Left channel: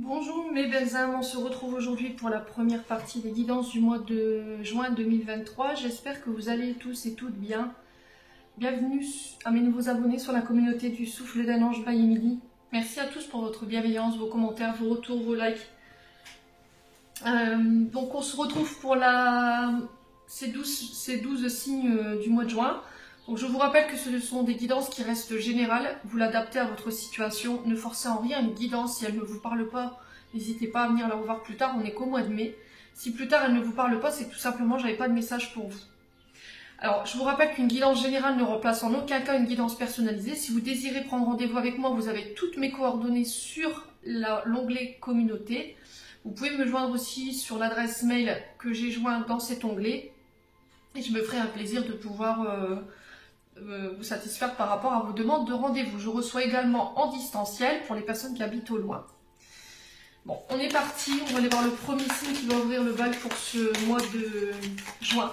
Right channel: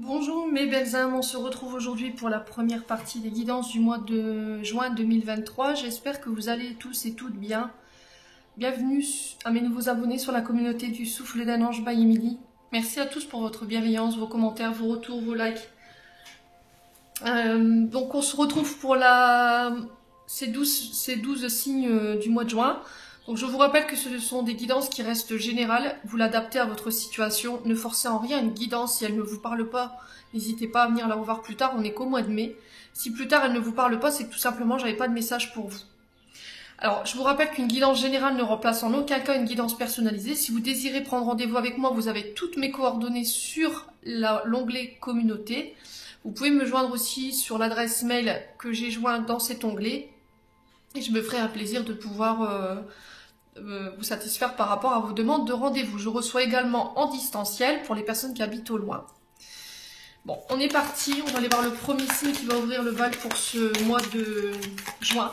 Bonjour mes belles âmes, on se retrouve aujourd'hui pour la première partie des guidances du mois de juin 2023. J'espère que vous allez tous et toutes bien. Bienvenue à mes nouveaux abonnés sur la communauté du Souffle d'un Ange by Emily. Merci à tous pour votre bienveillance, vos commentaires, vos retours, vos likes. Donc on se retrouve pour ces 12 signes du mois de juin. Donc je vous rappelle que ce sont des guidances qui restent générales, vous l'adaptez à votre situation, ne forcez en rien une guidance, si elle ne vous parle pas, n'hésitez pas à venir la revoir plus tard, on n'est qu'au mois de mai. Si plus tard elle ne vous parle pas, c'est que tout simplement j'avais pas de message pour vous. Alors je vous rappelle qu'une guidance générale ne remplace en aucun cas une guidance personnalisée. Si vous désirez prendre rendez-vous avec moi, vous avez toutes mes coordonnées sur l'onglet communauté. Vous pouvez me joindre aussi sur l'adresse mail que j'ai jointe dans cet onglet. Et je me ferai un plaisir de pouvoir vous satisfaire par rapport à vos demandes de rendez-vous. Je reçois également en distanciel pour les personnes qui habitent au loin. Bon, on est parti, on va aller voir le premier signe qui va ouvrir le bal pour ce mois de juin.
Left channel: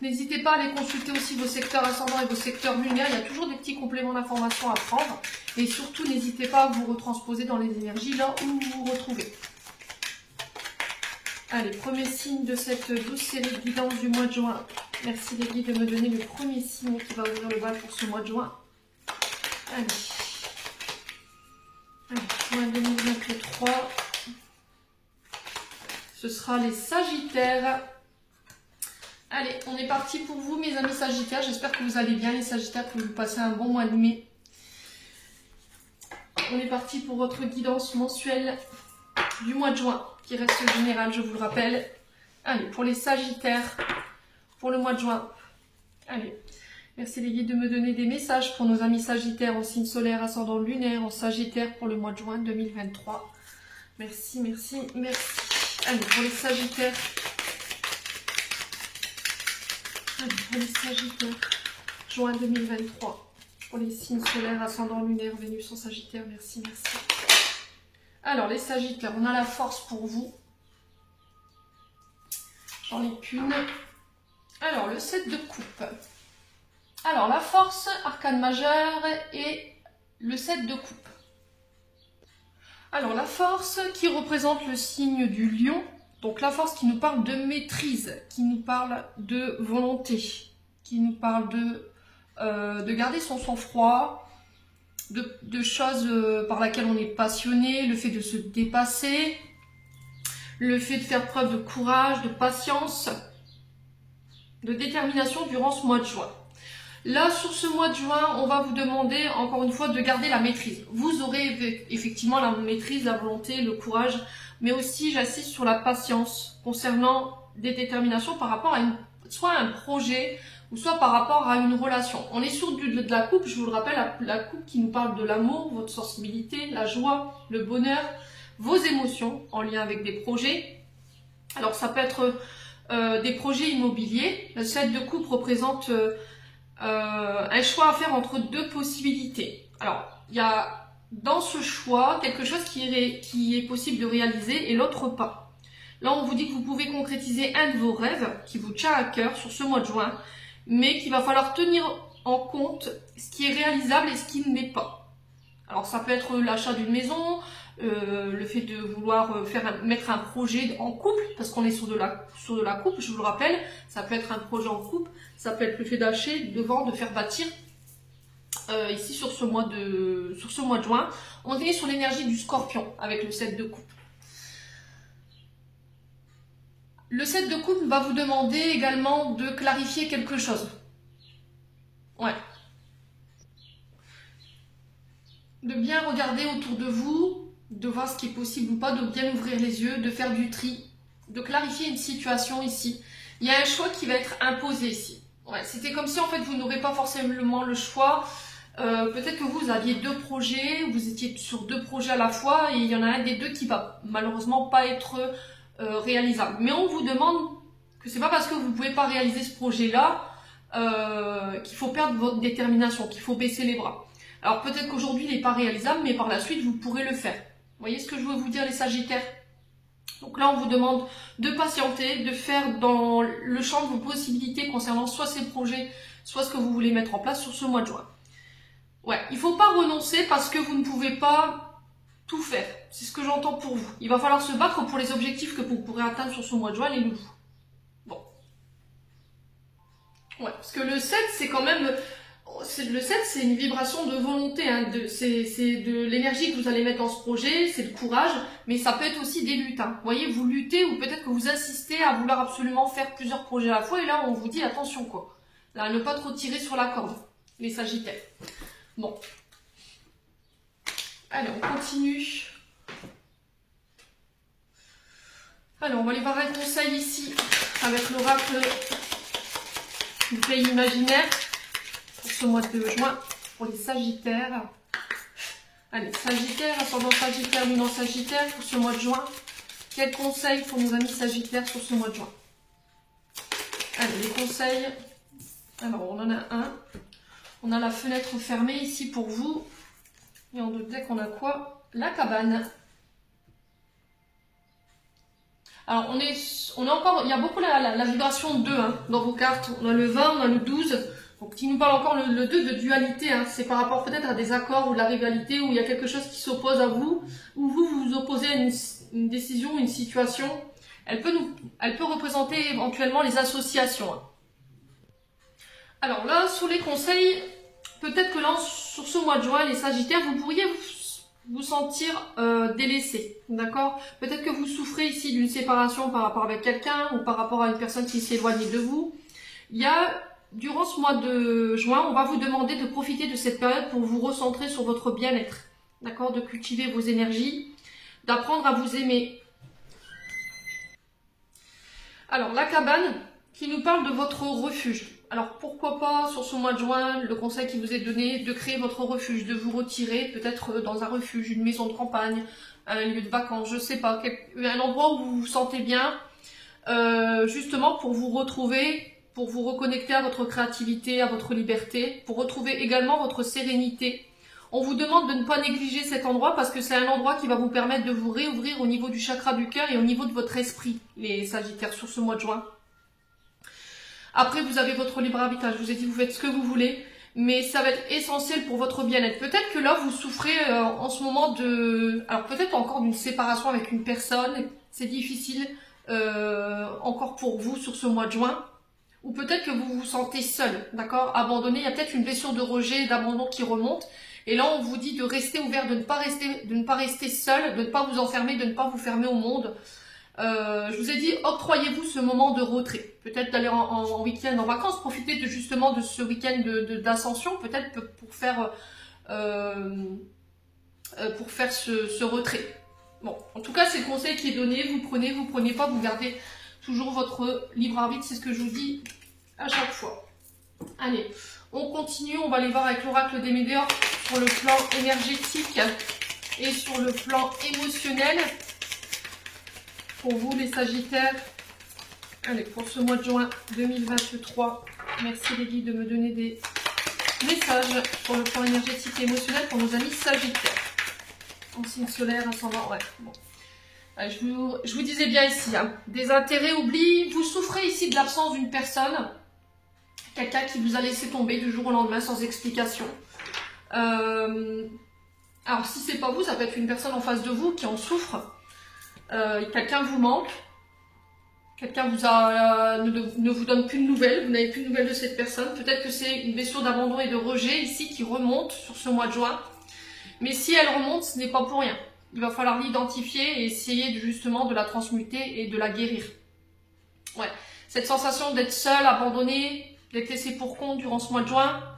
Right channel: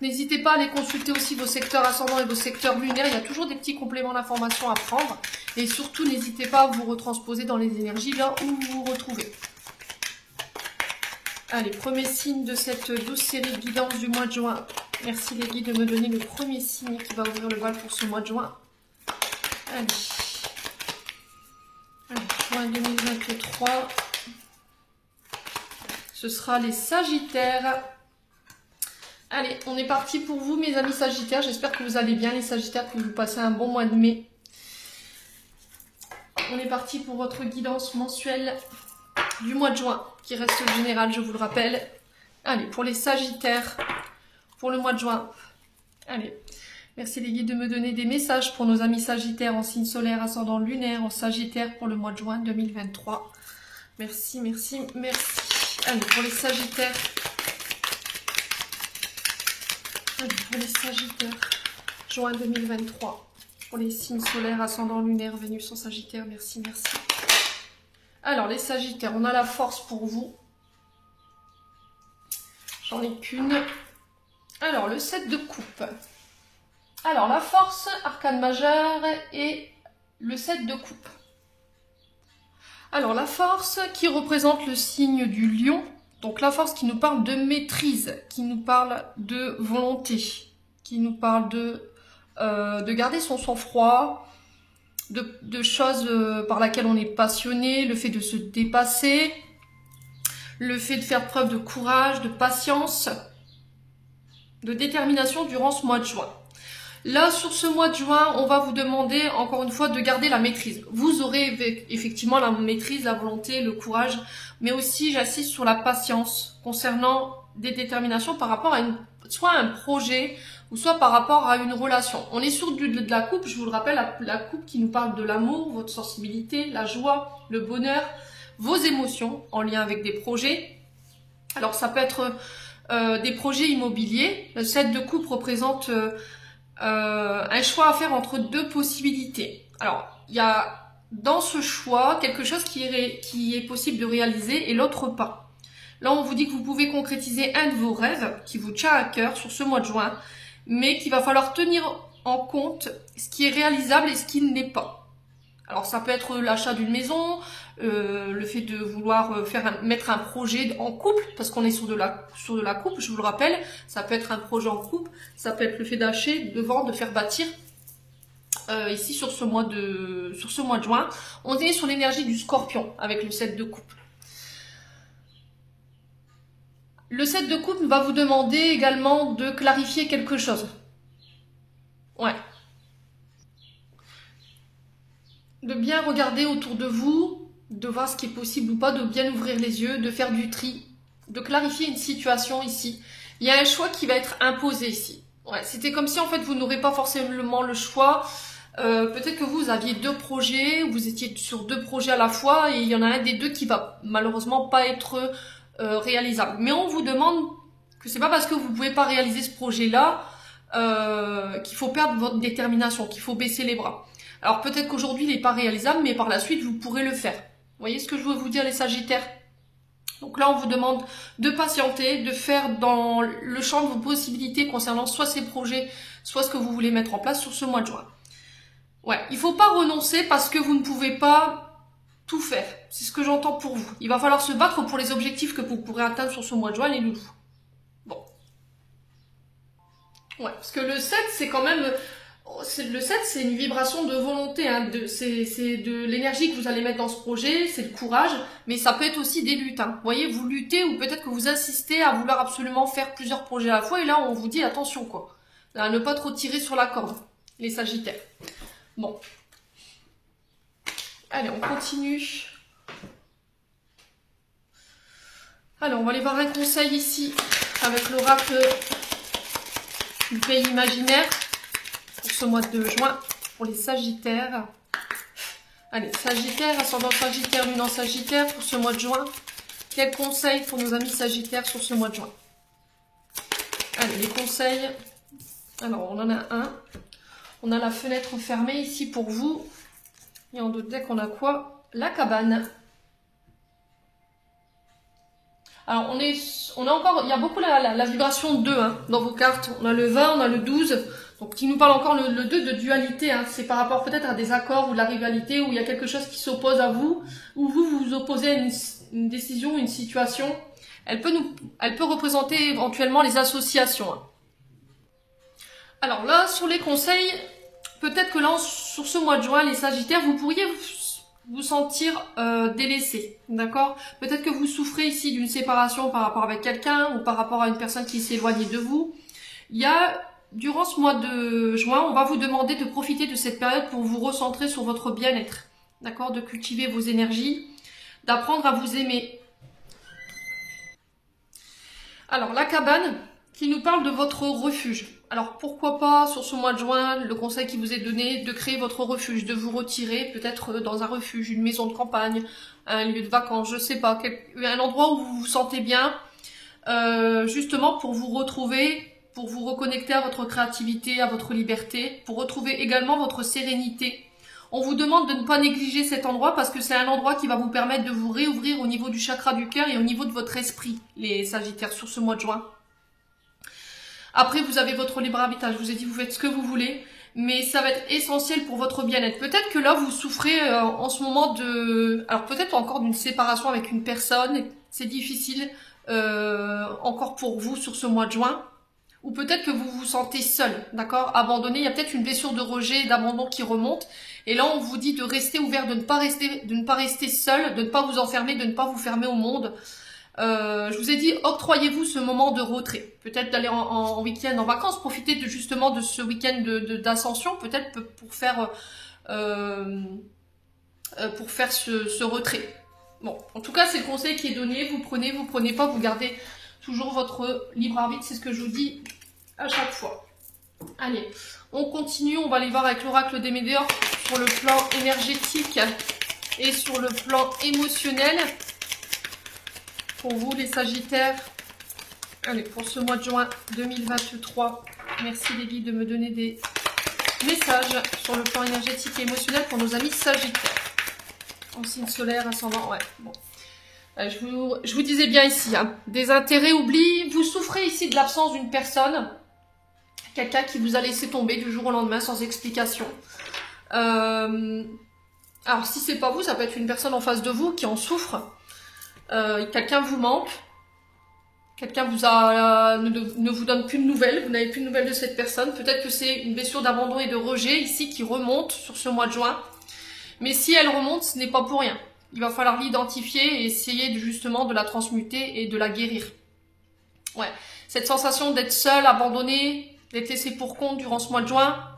N'hésitez pas à aller consulter aussi vos secteurs ascendants et vos secteurs lunaires, il y a toujours des petits compléments d'information à prendre. Et surtout, n'hésitez pas à vous retransposer dans les énergies là où vous vous retrouvez. Allez, premier signe de cette douce série de guidance du mois de juin. Merci les guides de me donner le premier signe qui va ouvrir le bal pour ce mois de juin. Allez, juin 2023. Ce sera les Sagittaires. Allez, on est parti pour vous mes amis Sagittaires. J'espère que vous allez bien les Sagittaires, que vous passez un bon mois de mai. On est parti pour votre guidance mensuelle du mois de juin, qui reste générale, je vous le rappelle. Allez, pour les Sagittaires, pour le mois de juin. Allez, merci les guides de me donner des messages pour nos amis Sagittaires en signe solaire, ascendant lunaire, en Sagittaire pour le mois de juin 2023. Merci, merci, merci. Allez, pour les Sagittaires. Allez, pour les Sagittaires, juin 2023. Pour les signes solaires, ascendant lunaire, Vénus en Sagittaire, merci, merci. Alors, les Sagittaires, on a la force pour vous. J'en ai qu'une. Alors, le 7 de coupe. Alors, la force, arcane majeure et le 7 de coupe. Alors, la force qui représente le signe du lion. Donc, la force qui nous parle de maîtrise, qui nous parle de volonté, qui nous parle de garder son sang-froid, de choses par lesquelles on est passionné, le fait de se dépasser, le fait de faire preuve de courage, de patience, de détermination durant ce mois de juin. Là, sur ce mois de juin, on va vous demander, encore une fois, de garder la maîtrise. Vous aurez effectivement la maîtrise, la volonté, le courage, mais aussi, j'insiste sur la patience concernant des déterminations par rapport à soit un projet, ou soit par rapport à une relation. On est sur de la coupe, je vous le rappelle, la coupe qui nous parle de l'amour, votre sensibilité, la joie, le bonheur, vos émotions en lien avec des projets. Alors, ça peut être des projets immobiliers. Le 7 de coupe représente un choix à faire entre deux possibilités. Alors, il y a dans ce choix quelque chose qui est possible de réaliser et l'autre pas. Là, on vous dit que vous pouvez concrétiser un de vos rêves qui vous tient à cœur sur ce mois de juin, mais qu'il va falloir tenir en compte ce qui est réalisable et ce qui ne l'est pas. Alors, ça peut être l'achat d'une maison, le fait de vouloir mettre un projet en couple, parce qu'on est sur de la couple, je vous le rappelle, ça peut être un projet en couple, ça peut être le fait d'acheter, de vendre, de faire bâtir. Ici, sur ce mois de juin, on est sur l'énergie du Scorpion, avec le 7 de coupe. Le 7 de coupe va vous demander également de clarifier quelque chose. Ouais. De bien regarder autour de vous, de voir ce qui est possible ou pas, de bien ouvrir les yeux, de faire du tri, de clarifier une situation ici. Il y a un choix qui va être imposé ici. Ouais, c'était comme si en fait vous n'aurez pas forcément le choix. Peut-être que vous aviez deux projets, vous étiez sur deux projets à la fois et il y en a un des deux qui va malheureusement pas être réalisable. Mais on vous demande que c'est pas parce que vous pouvez pas réaliser ce projet-là qu'il faut perdre votre détermination, qu'il faut baisser les bras. Alors peut-être qu'aujourd'hui il n'est pas réalisable, mais par la suite vous pourrez le faire. Vous voyez ce que je veux vous dire les Sagittaires? Donc là on vous demande de patienter, de faire dans le champ de vos possibilités concernant soit ces projets, soit ce que vous voulez mettre en place sur ce mois de juin. Ouais, il ne faut pas renoncer parce que vous ne pouvez pas tout faire. C'est ce que j'entends pour vous. Il va falloir se battre pour les objectifs que vous pourrez atteindre sur ce mois de juin, les loulous. Bon. Ouais, parce que le 7, c'est quand même... Le 7, c'est une vibration de volonté, hein, c'est de l'énergie que vous allez mettre dans ce projet, c'est le courage, mais ça peut être aussi des luttes. Hein. Vous voyez, vous luttez ou peut-être que vous insistez à vouloir absolument faire plusieurs projets à la fois, et là, on vous dit attention, quoi. À ne pas trop tirer sur la corde, les Sagittaires. Bon. Allez, on continue. Alors, on va aller voir un conseil ici, avec l'oracle du pays imaginaire. Pour ce mois de juin, pour les Sagittaires. Allez, Sagittaire, ascendant Sagittaire, lune en Sagittaire, pour ce mois de juin. Quels conseils pour nos amis Sagittaires sur ce mois de juin? Allez, les conseils. Alors, on en a un. On a la fenêtre fermée ici pour vous. Et en deux deck, on a quoi? La cabane. Alors, on est encore... Il y a beaucoup la vibration 2 hein, dans vos cartes. On a le 20, on a le 12. Donc, qui nous parle encore le 2 de dualité, hein. C'est par rapport peut-être à des accords ou de la rivalité, où il y a quelque chose qui s'oppose à vous, où vous vous opposez à une décision, une situation. Elle peut représenter éventuellement les associations. Hein. Alors là, sur les conseils, peut-être que là, sur ce mois de juin, les Sagittaires, vous pourriez vous sentir délaissé, d'accord? Peut-être que vous souffrez ici d'une séparation par rapport avec quelqu'un, ou par rapport à une personne qui s'est éloignée de vous. Il y a... Durant ce mois de juin, on va vous demander de profiter de cette période pour vous recentrer sur votre bien-être, d'accord, de cultiver vos énergies, d'apprendre à vous aimer. Alors, la cabane qui nous parle de votre refuge. Alors, pourquoi pas, sur ce mois de juin, le conseil qui vous est donné, de créer votre refuge, de vous retirer peut-être dans un refuge, une maison de campagne, un lieu de vacances, je ne sais pas, un endroit où vous vous sentez bien, justement pour vous retrouver, pour vous reconnecter à votre créativité, à votre liberté, pour retrouver également votre sérénité. On vous demande de ne pas négliger cet endroit parce que c'est un endroit qui va vous permettre de vous réouvrir au niveau du chakra du cœur et au niveau de votre esprit, les Sagittaires, sur ce mois de juin. Après, vous avez votre libre arbitrage. Je vous ai dit, vous faites ce que vous voulez, mais ça va être essentiel pour votre bien-être. Peut-être que là, vous souffrez en ce moment de... Alors peut-être encore d'une séparation avec une personne. C'est difficile encore pour vous sur ce mois de juin. Ou peut-être que vous vous sentez seul, d'accord, abandonné. Il y a peut-être une blessure de rejet, d'abandon qui remonte. Et là, on vous dit de rester ouvert, de ne pas rester seul, de ne pas vous enfermer, de ne pas vous fermer au monde. Je vous ai dit, octroyez-vous ce moment de retrait. Peut-être d'aller en week-end, en vacances, profitez justement de ce week-end d'ascension, peut-être pour faire ce retrait. Bon, en tout cas, c'est le conseil qui est donné. Vous prenez pas, vous gardez toujours votre libre arbitre, c'est ce que je vous dis à chaque fois. Allez, on continue, on va aller voir avec l'oracle des Médéors sur le plan énergétique et sur le plan émotionnel. Pour vous les Sagittaires, allez, pour ce mois de juin 2023, merci les guides de me donner des messages sur le plan énergétique et émotionnel pour nos amis Sagittaires. En signe solaire, ascendant, ouais, bon. Je vous disais bien ici, hein, des intérêts oubliés, vous souffrez ici de l'absence d'une personne, quelqu'un qui vous a laissé tomber du jour au lendemain sans explication. Alors si c'est pas vous, ça peut être une personne en face de vous qui en souffre, quelqu'un vous manque, quelqu'un ne vous donne plus de nouvelles, vous n'avez plus de nouvelles de cette personne, peut-être que c'est une blessure d'abandon et de rejet ici qui remonte sur ce mois de juin, mais si elle remonte, ce n'est pas pour rien. Il va falloir l'identifier et essayer justement de la transmuter et de la guérir. Ouais, cette sensation d'être seul, abandonné, d'être laissé pour compte durant ce mois de juin.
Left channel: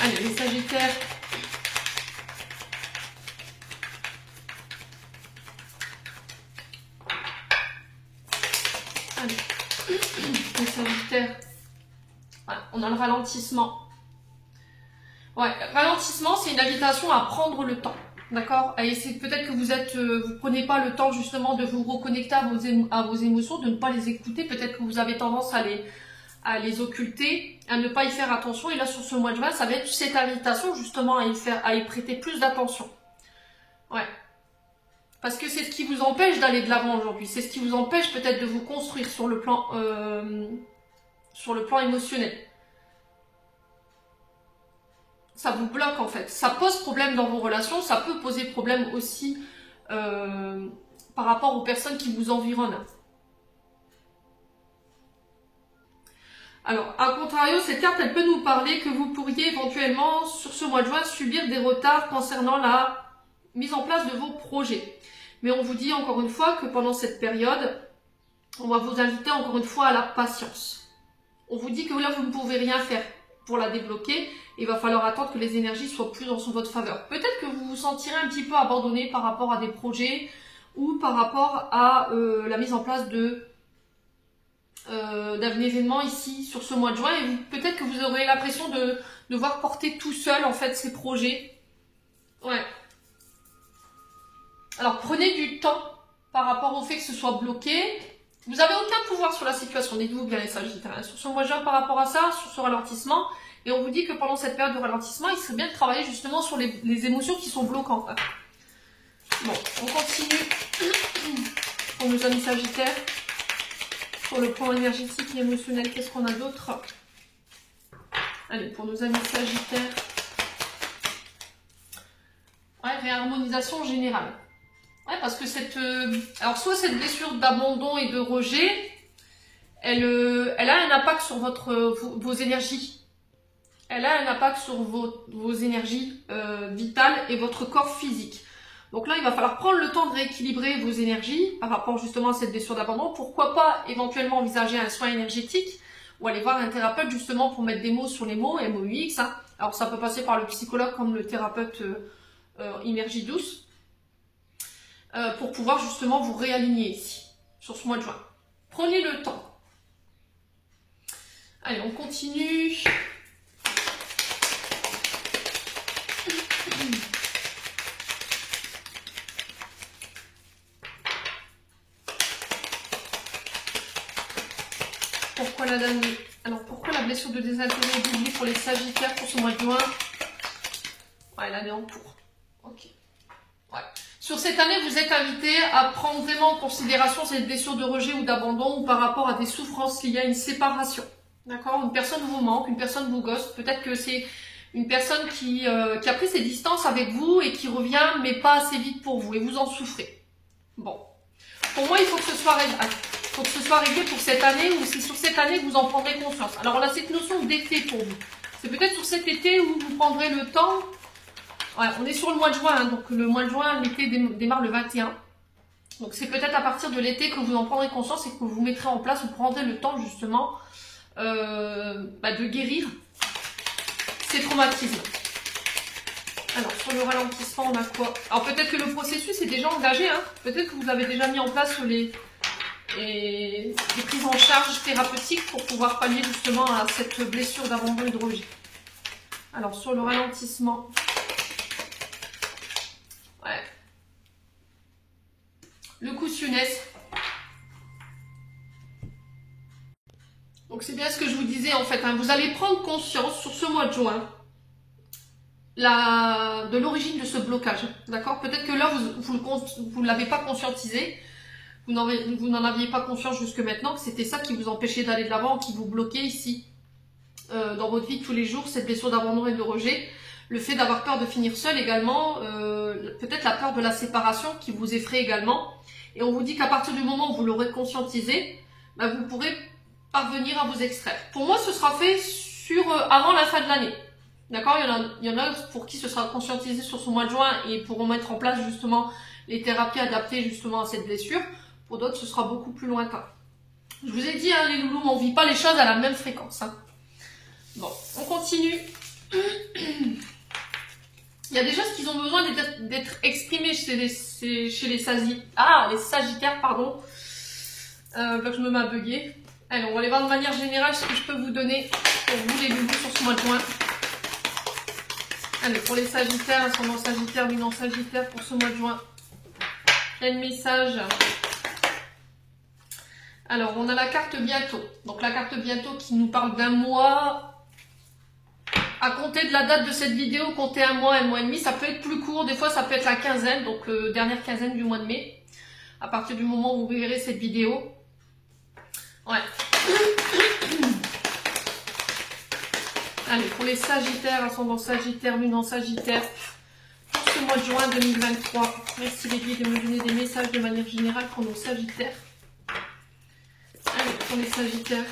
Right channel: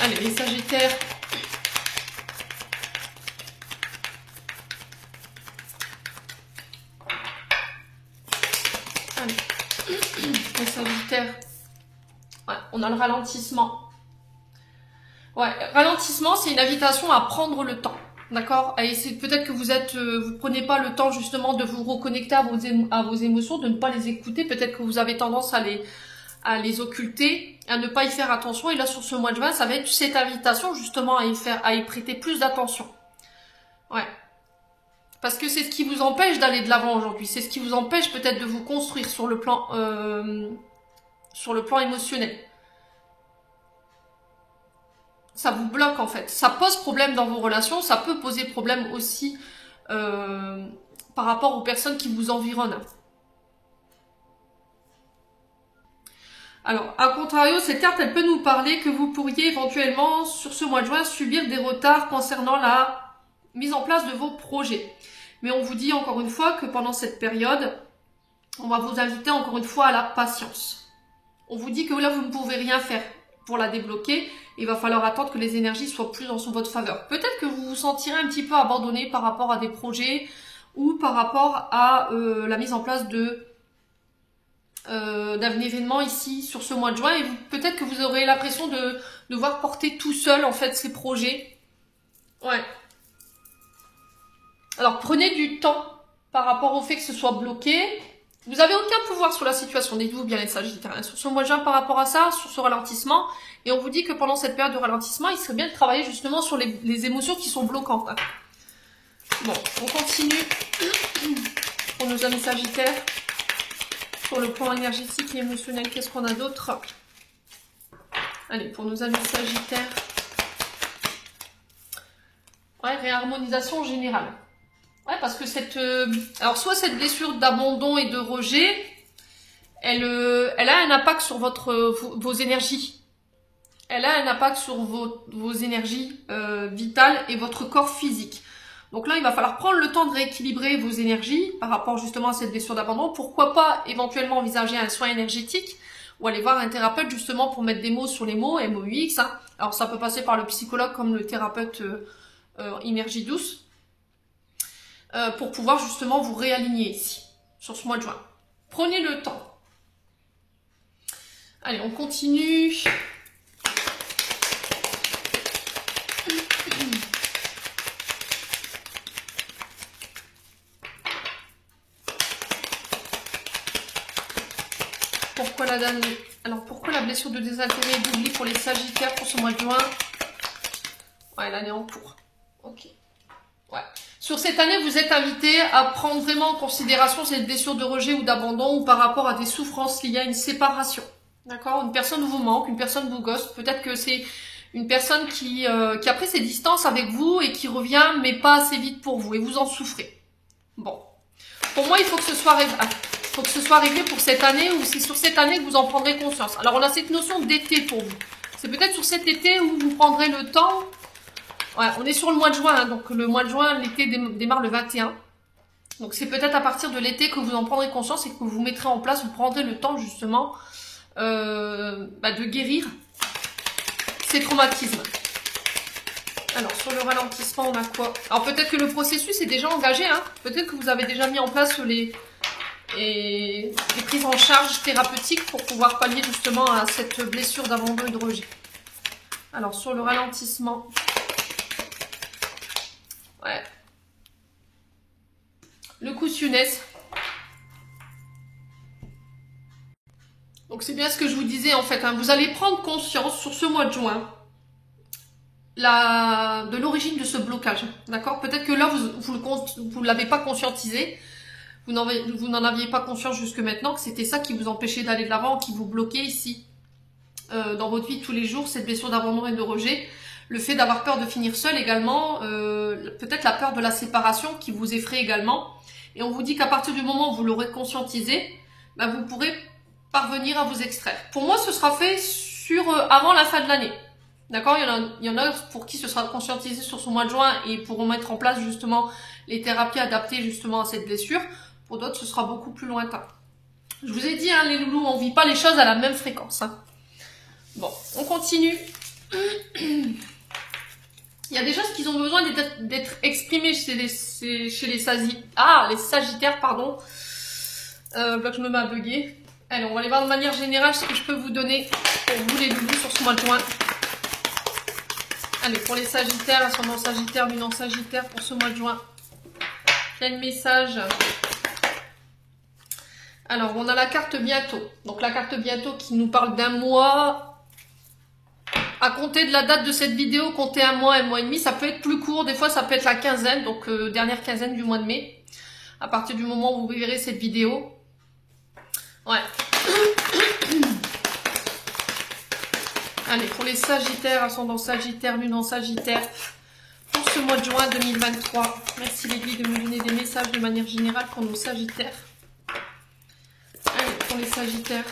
Allez, les Sagittaires. Allez, les Sagittaires. Ouais, on a le ralentissement. Ouais, ralentissement, c'est une invitation à prendre le temps, d'accord? Peut-être que vous prenez pas le temps justement de vous reconnecter à vos émotions, de ne pas les écouter. Peut-être que vous avez tendance à les occulter, à ne pas y faire attention. Et là, sur ce mois de juin, ça va être cette invitation justement à y prêter plus d'attention. Ouais. Parce que c'est ce qui vous empêche d'aller de l'avant aujourd'hui. C'est ce qui vous empêche peut-être de vous construire sur le plan émotionnel. ça vous bloque en fait. Ça pose problème dans vos relations, ça peut poser problème aussi par rapport aux personnes qui vous environnent. Alors, à contrario, cette carte, elle peut nous parler que vous pourriez éventuellement, sur ce mois de juin, subir des retards concernant la mise en place de vos projets. Mais on vous dit encore une fois que pendant cette période, on va vous inviter encore une fois à la patience. On vous dit que là, vous ne pouvez rien faire pour la débloquer. Il va falloir attendre que les énergies soient plus dans votre faveur. Peut-être que vous vous sentirez un petit peu abandonné par rapport à des projets ou par rapport à la mise en place d'un événement ici sur ce mois de juin, et peut-être que vous aurez l'impression de devoir porter tout seul en fait ces projets. Ouais. Alors prenez du temps par rapport au fait que ce soit bloqué. Vous n'avez aucun pouvoir sur la situation, dites-vous bien les Sagittaires. Sur ce mois de juin par rapport à ça, sur ce ralentissement, et on vous dit que pendant cette période de ralentissement, il serait bien de travailler justement sur les émotions qui sont bloquantes. Bon, on continue pour nos amis Sagittaires. Pour le plan énergétique et émotionnel, qu'est-ce qu'on a d'autre? Allez, pour nos amis Sagittaires. Ouais, réharmonisation générale. Ouais, parce que alors soit cette blessure d'abandon et de rejet, elle a un impact sur vos énergies. Elle a un impact sur vos énergies vitales et votre corps physique. Donc là, il va falloir prendre le temps de rééquilibrer vos énergies par rapport justement à cette blessure d'abandon. Pourquoi pas éventuellement envisager un soin énergétique ou aller voir un thérapeute justement pour mettre des mots sur les mots, MOUX. Hein. Alors ça peut passer par le psychologue comme le thérapeute énergie douce pour pouvoir justement vous réaligner ici, sur ce mois de juin. Prenez le temps. Allez, on continue. Pourquoi la dame... Alors, pourquoi la blessure de désintérêt et d'oubli pour les Sagittaires pour ce mois de juin? Ouais, l'année en cours. Ok. Ouais. Sur cette année, vous êtes invité à prendre vraiment en considération cette blessure de rejet ou d'abandon ou par rapport à des souffrances liées à une séparation. D'accord? Une personne vous manque, une personne vous ghost. Peut-être que c'est une personne qui a pris ses distances avec vous et qui revient, mais pas assez vite pour vous. Et vous en souffrez. Bon. Pour moi, il faut que ce soit réglé. Il faut que ce soit réglé pour cette année ou c'est sur cette année que vous en prendrez conscience. Alors, on a cette notion d'été pour vous. C'est peut-être sur cet été où vous prendrez le temps. Ouais, on est sur le mois de juin, hein, donc le mois de juin, l'été démarre le 21. Donc, c'est peut-être à partir de l'été que vous en prendrez conscience et que vous mettrez en place, vous prendrez le temps justement de guérir ces traumatismes. Alors, sur le ralentissement, on a quoi? Alors, peut-être que le processus est déjà engagé. Hein. Peut-être que vous avez déjà mis en place les prises en charge thérapeutiques pour pouvoir pallier justement à cette blessure d'abandon et de rejet. Alors, sur le ralentissement... Ouais. Le coussionnès. Donc, c'est bien ce que je vous disais en fait. Hein. Vous allez prendre conscience sur ce mois de juin de l'origine de ce blocage. D'accord? Peut-être que là, vous ne l'avez pas conscientisé. Vous n'en aviez pas conscience jusque maintenant, que c'était ça qui vous empêchait d'aller de l'avant, qui vous bloquait ici. Dans votre vie de tous les jours, cette blessure d'abandon et de rejet. Le fait d'avoir peur de finir seul également. Peut-être la peur de la séparation qui vous effraie également. Et on vous dit qu'à partir du moment où vous l'aurez conscientisé, vous pourrez parvenir à vous extraire. Pour moi, ce sera fait avant la fin de l'année. D'accord, il y en a pour qui ce sera conscientisé sur ce mois de juin et pourront mettre en place justement les thérapies adaptées justement à cette blessure. Pour d'autres, ce sera beaucoup plus lointain. Je vous ai dit, hein, les loulous, on ne vit pas les choses à la même fréquence. Hein. Bon, on continue. Il y a des choses qui ont besoin d'être exprimées chez les Sagittaires, pardon. Là, je me mets à bugger. Allez, on va aller voir de manière générale ce que je peux vous donner pour vous les loulous sur ce mois de juin. Allez, pour les Sagittaires, ascendant Sagittaire, lunan Sagittaire pour ce mois de juin. Quel message? Alors, on a la carte bientôt. Donc, la carte bientôt qui nous parle d'un mois. À compter de la date de cette vidéo, comptez un mois et demi. Ça peut être plus court. Des fois, ça peut être la quinzaine. Donc, dernière quinzaine du mois de mai. À partir du moment où vous verrez cette vidéo. Ouais. Allez, pour les Sagittaires, ascendant Sagittaire, lune en Sagittaire, pour ce mois de juin 2023. Merci les de me donner des messages de manière générale pour nos Sagittaires. Allez, pour les Sagittaires,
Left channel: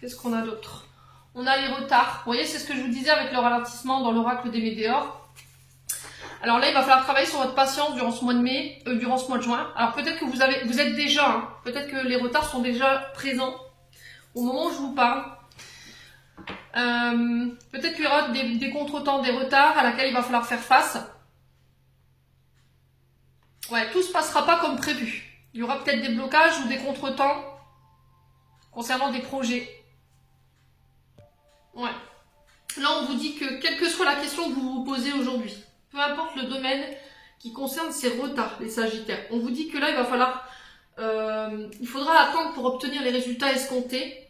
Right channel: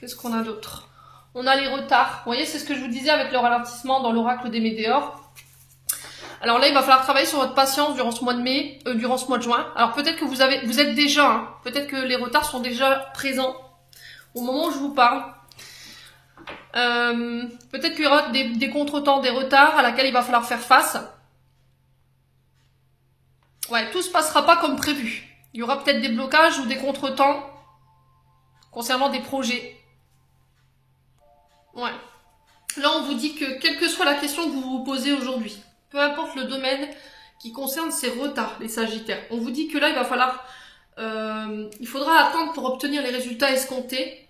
qu'est-ce qu'on a d'autre? On a les retards. Vous voyez, c'est ce que je vous disais avec le ralentissement dans l'oracle des météores. Alors là, il va falloir travailler sur votre patience durant ce mois de mai, durant ce mois de juin. Alors peut-être que vous êtes déjà, hein, peut-être que les retards sont déjà présents au moment où je vous parle. Peut-être qu'il y aura des contretemps, des retards à laquelle il va falloir faire face. Ouais, tout se passera pas comme prévu. Il y aura peut-être des blocages ou des contretemps concernant des projets. Ouais. Là, on vous dit que quelle que soit la question que vous vous posez aujourd'hui, peu importe le domaine qui concerne ces retards, les Sagittaires, on vous dit que là, il va falloir, il faudra attendre pour obtenir les résultats escomptés.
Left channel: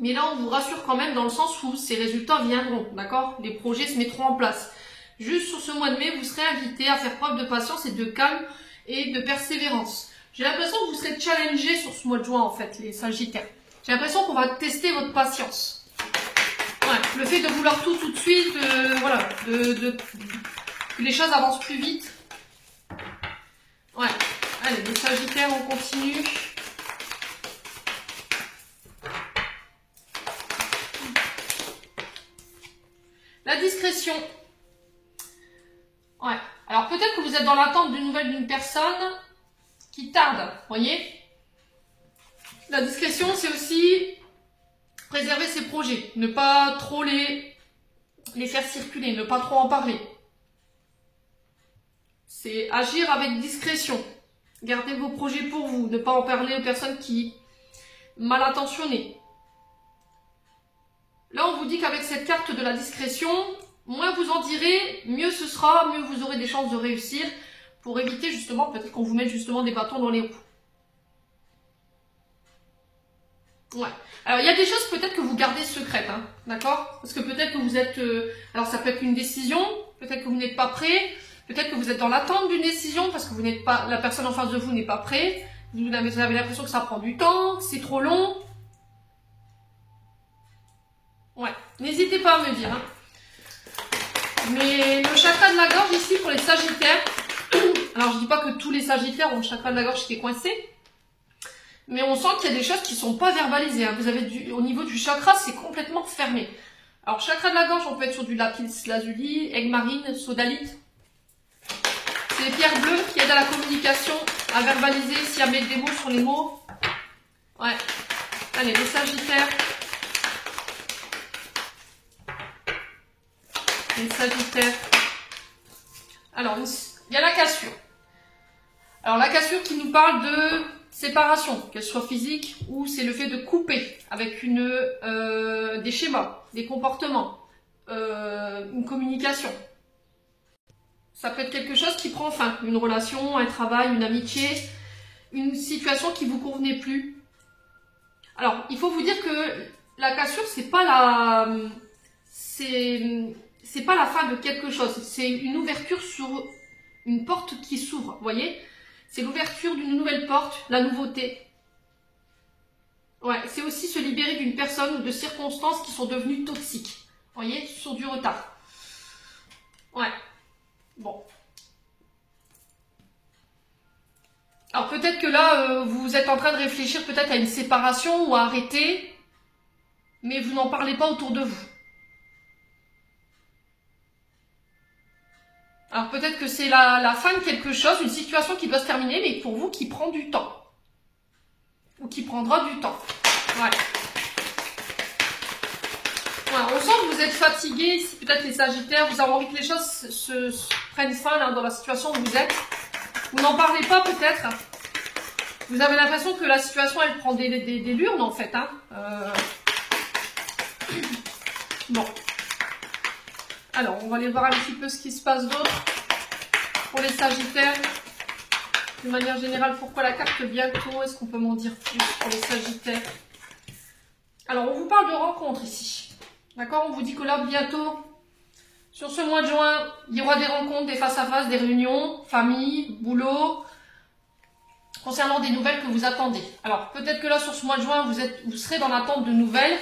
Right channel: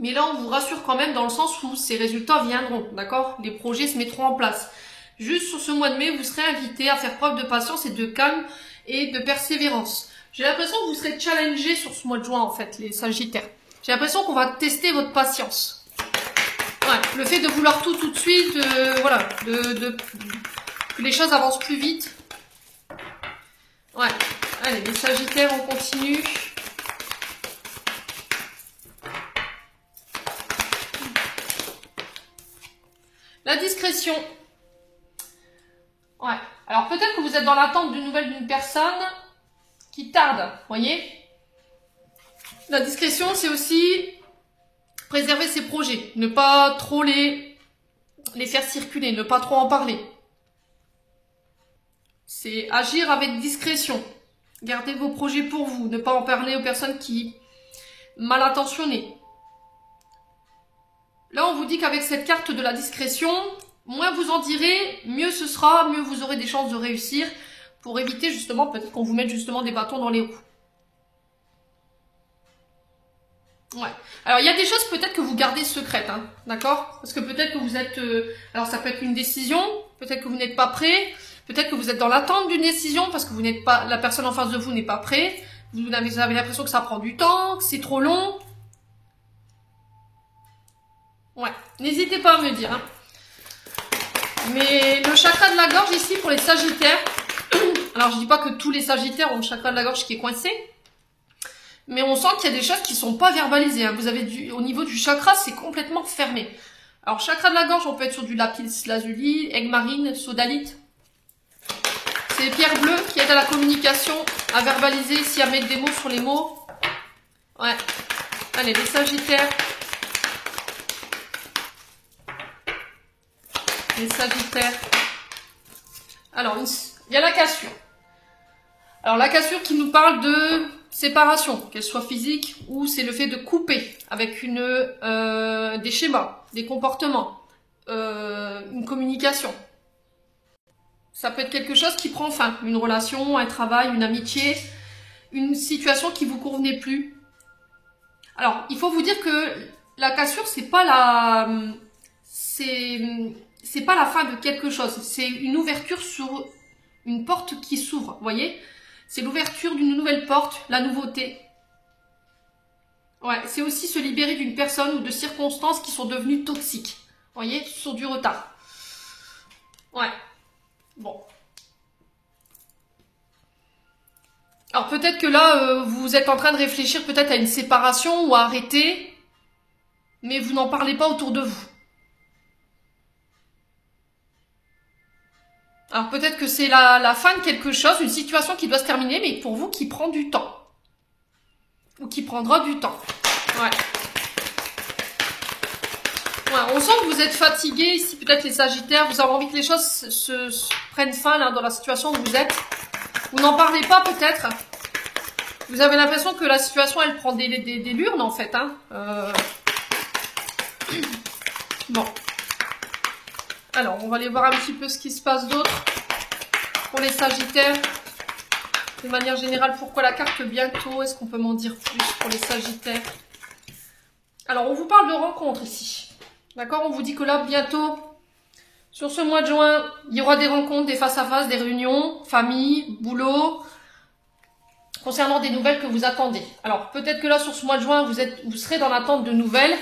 Mais là, on vous rassure quand même dans le sens où ces résultats viendront, d'accord? Les projets se mettront en place. Juste sur ce mois de mai, vous serez invité à faire preuve de patience et de calme et de persévérance. J'ai l'impression que vous serez challengé sur ce mois de juin, en fait, les Sagittaires. J'ai l'impression qu'on va tester votre patience. Ouais, le fait de vouloir tout de suite, voilà, que les choses avancent plus vite. Ouais, allez, les Sagittaires, on continue. La discrétion. Ouais. Alors peut-être que vous êtes dans l'attente d'une nouvelle d'une personne qui tarde, voyez. La discrétion, c'est aussi préserver ses projets, ne pas trop les faire circuler, ne pas trop en parler. C'est agir avec discrétion. Gardez vos projets pour vous, ne pas en parler aux personnes qui mal intentionnées. Là, on vous dit qu'avec cette carte de la discrétion, moins vous en direz, mieux ce sera, mieux vous aurez des chances de réussir pour éviter justement, peut-être qu'on vous mette justement des bâtons dans les roues. Ouais. Alors, il y a des choses peut-être que vous gardez secrètes, hein, d'accord? Parce que peut-être que vous êtes... alors, ça peut être une décision, peut-être que vous n'êtes pas prêt, peut-être que vous êtes dans l'attente d'une décision parce que vous n'êtes pas, la personne en face de vous n'est pas prête, vous avez l'impression que ça prend du temps, que c'est trop long. Ouais, n'hésitez pas à me dire. Hein. Mais le chakra de la gorge ici pour les Sagittaires, alors je dis pas que tous les Sagittaires ont le chakra de la gorge qui est coincé, mais on sent qu'il y a des choses qui ne sont pas verbalisées. Hein. Vous avez au niveau du chakra, c'est complètement fermé. Alors chakra de la gorge, on peut être sur du lapis lazuli, aigle marine, sodalite. C'est les pierres bleues qui aident à la communication, à verbaliser, si à mettre des mots sur les mots. Ouais. Allez, les Sagittaires. Les Sagittaires. Alors, il y a la cassure. Alors, la cassure qui nous parle de séparation, qu'elle soit physique ou c'est le fait de couper avec des schémas, des comportements, une communication. Ça peut être quelque chose qui prend fin, une relation, un travail, une amitié, une situation qui vous convenait plus. Alors, il faut vous dire que la cassure, c'est pas la fin de quelque chose, c'est une ouverture sur une porte qui s'ouvre, vous voyez? C'est l'ouverture d'une nouvelle porte, la nouveauté. Ouais, c'est aussi se libérer d'une personne ou de circonstances qui sont devenues toxiques. Vous voyez, sur du retard. Ouais. Bon. Alors peut-être que là, vous êtes en train de réfléchir peut-être à une séparation ou à arrêter, mais vous n'en parlez pas autour de vous. Alors peut-être que c'est la fin de quelque chose, une situation qui doit se terminer, mais pour vous qui prend du temps. Ou qui prendra du temps. Ouais. Voilà, on sent que vous êtes fatigué ici, peut-être les Sagittaires, vous avez envie que les choses se prennent fin là, dans la situation où vous êtes. Vous n'en parlez pas peut-être. Vous avez l'impression que la situation elle prend des lurnes en fait. Hein. Bon. Alors, on va aller voir un petit peu ce qui se passe d'autre pour les Sagittaires. De manière générale, pourquoi la carte bientôt? Est-ce qu'on peut m'en dire plus pour les Sagittaires? Alors, on vous parle de rencontres ici. D'accord? On vous dit que là, bientôt, sur ce mois de juin, il y aura des rencontres, des face-à-face, des réunions, famille, boulot, concernant des nouvelles que vous attendez. Alors, peut-être que là, sur ce mois de juin, vous serez dans l'attente de nouvelles.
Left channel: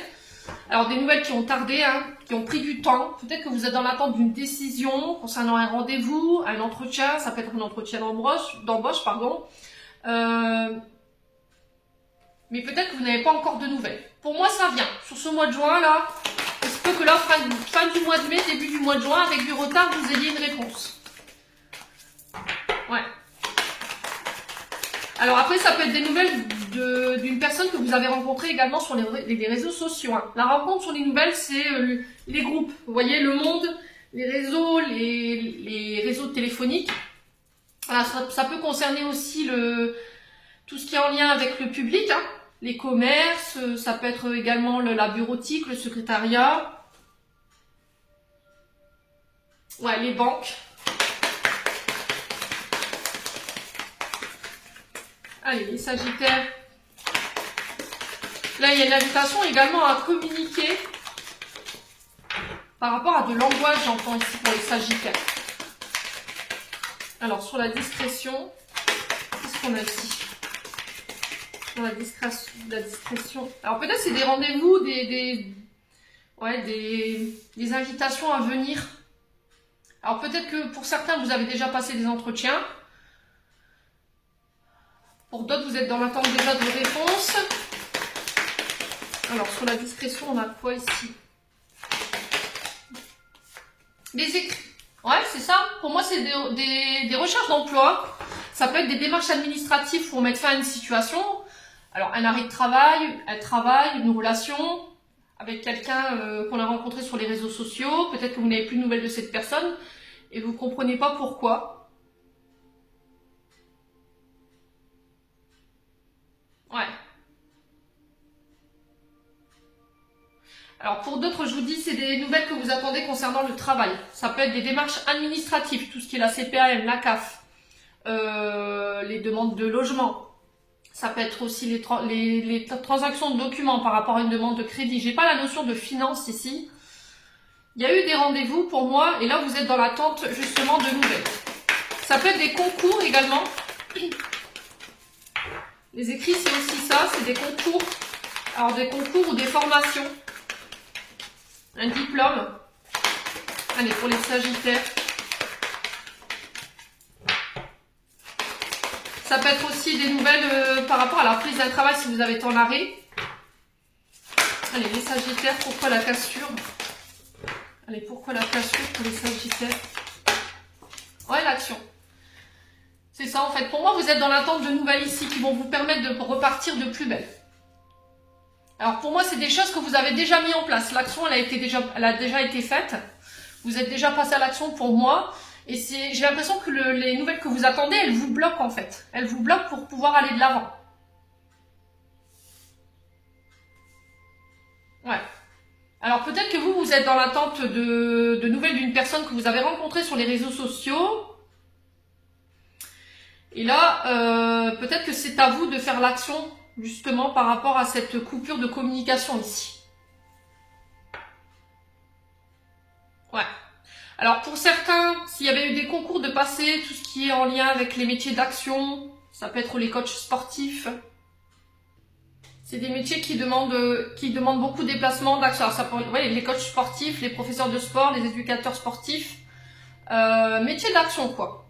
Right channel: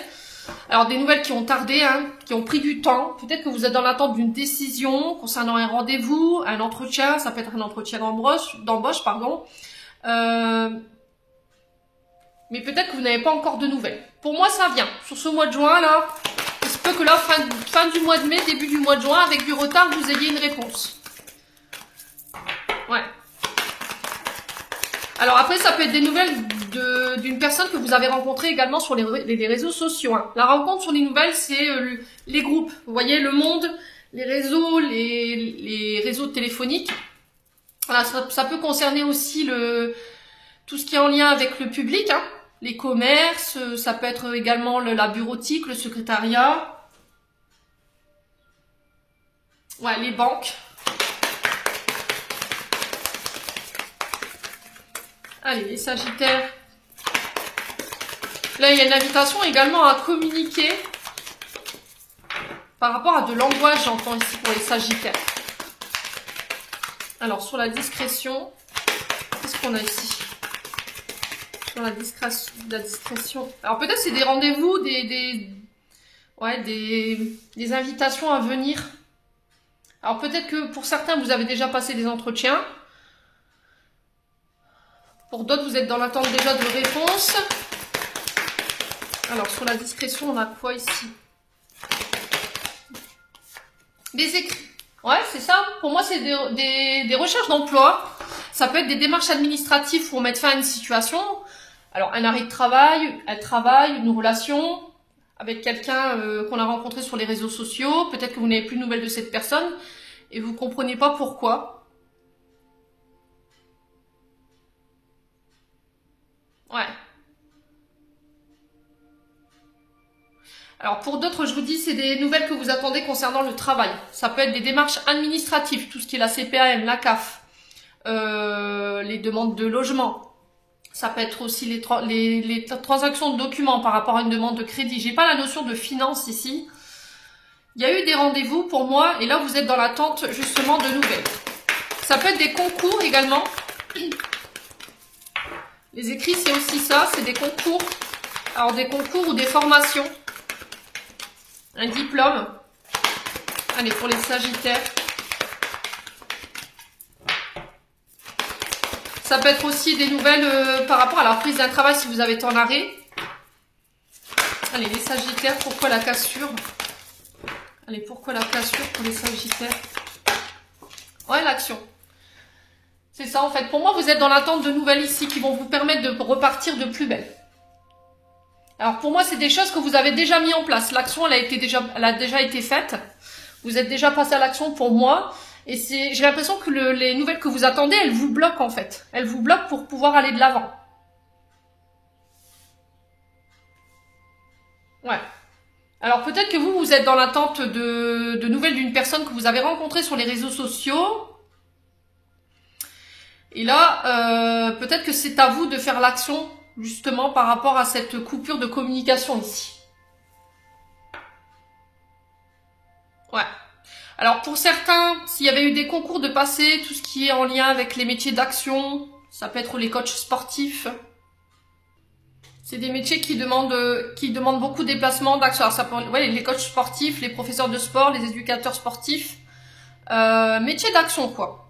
Alors des nouvelles qui ont tardé, hein, qui ont pris du temps. Peut-être que vous êtes dans l'attente d'une décision concernant un rendez-vous, un entretien. Ça peut être un entretien d'embauche, pardon. Mais peut-être que vous n'avez pas encore de nouvelles. Pour moi, ça vient. Sur ce mois de juin, là, il se peut que là, fin du mois de mai, début du mois de juin, avec du retard, vous ayez une réponse. Ouais. Alors après, ça peut être des nouvelles d'une personne que vous avez rencontrée également sur les réseaux sociaux. Hein. La rencontre sur les nouvelles, c'est les groupes. Vous voyez, le monde, les réseaux, les réseaux téléphoniques. Voilà, ça peut concerner aussi tout ce qui est en lien avec le public, hein. Les commerces, ça peut être également la bureautique, le secrétariat. Ouais, les banques. Allez, les Sagittaires. Là, il y a une invitation également à communiquer par rapport à de l'angoisse, j'entends ici pour les Sagittaires. Alors, sur la discrétion, qu'est-ce qu'on a ici? Sur la discrétion. Alors, peut-être c'est des rendez-vous, des invitations à venir. Alors, peut-être que pour certains, vous avez déjà passé des entretiens. Pour d'autres, vous êtes dans l'attente déjà de réponses. Alors, sur la discrétion, on a quoi ici? Des écrits. Ouais, c'est ça. Pour moi, c'est des recherches d'emploi. Ça peut être des démarches administratives pour mettre fin à une situation. Alors, un arrêt de travail, une relation avec quelqu'un qu'on a rencontré sur les réseaux sociaux. Peut-être que vous n'avez plus de nouvelles de cette personne et vous ne comprenez pas pourquoi. Ouais. Alors pour d'autres, je vous dis, c'est des nouvelles que vous attendez concernant le travail. Ça peut être des démarches administratives, tout ce qui est la CPAM, la CAF, les demandes de logement. Ça peut être aussi les transactions de documents par rapport à une demande de crédit. J'ai pas la notion de finance ici. Il y a eu des rendez-vous pour moi et là vous êtes dans l'attente justement de nouvelles. Ça peut être des concours également. Les écrits, c'est aussi ça, c'est des concours. Alors des concours ou des formations. Un diplôme. Allez, pour les Sagittaires. Ça peut être aussi des nouvelles par rapport à la prise d'un travail si vous avez été en arrêt. Allez, les Sagittaires, pourquoi la cassure? Allez, pourquoi la cassure pour les Sagittaires? Ouais, l'action. C'est ça en fait. Pour moi, vous êtes dans l'attente de nouvelles ici qui vont vous permettre de repartir de plus belle. Alors pour moi, c'est des choses que vous avez déjà mis en place. L'action, elle a déjà été faite. Vous êtes déjà passé à l'action pour moi. Et j'ai l'impression que les nouvelles que vous attendez, elles vous bloquent en fait. Elles vous bloquent pour pouvoir aller de l'avant. Ouais. Alors peut-être que vous êtes dans l'attente de nouvelles d'une personne que vous avez rencontrée sur les réseaux sociaux. Et là, peut-être que c'est à vous de faire l'action justement par rapport à cette coupure de communication ici. Ouais. Alors pour certains, s'il y avait eu des concours de passé, tout ce qui est en lien avec les métiers d'action, ça peut être les coachs sportifs. C'est des métiers qui demandent beaucoup de déplacements d'action. Alors ça peut être les coachs sportifs, les professeurs de sport, les éducateurs sportifs. Métiers d'action quoi.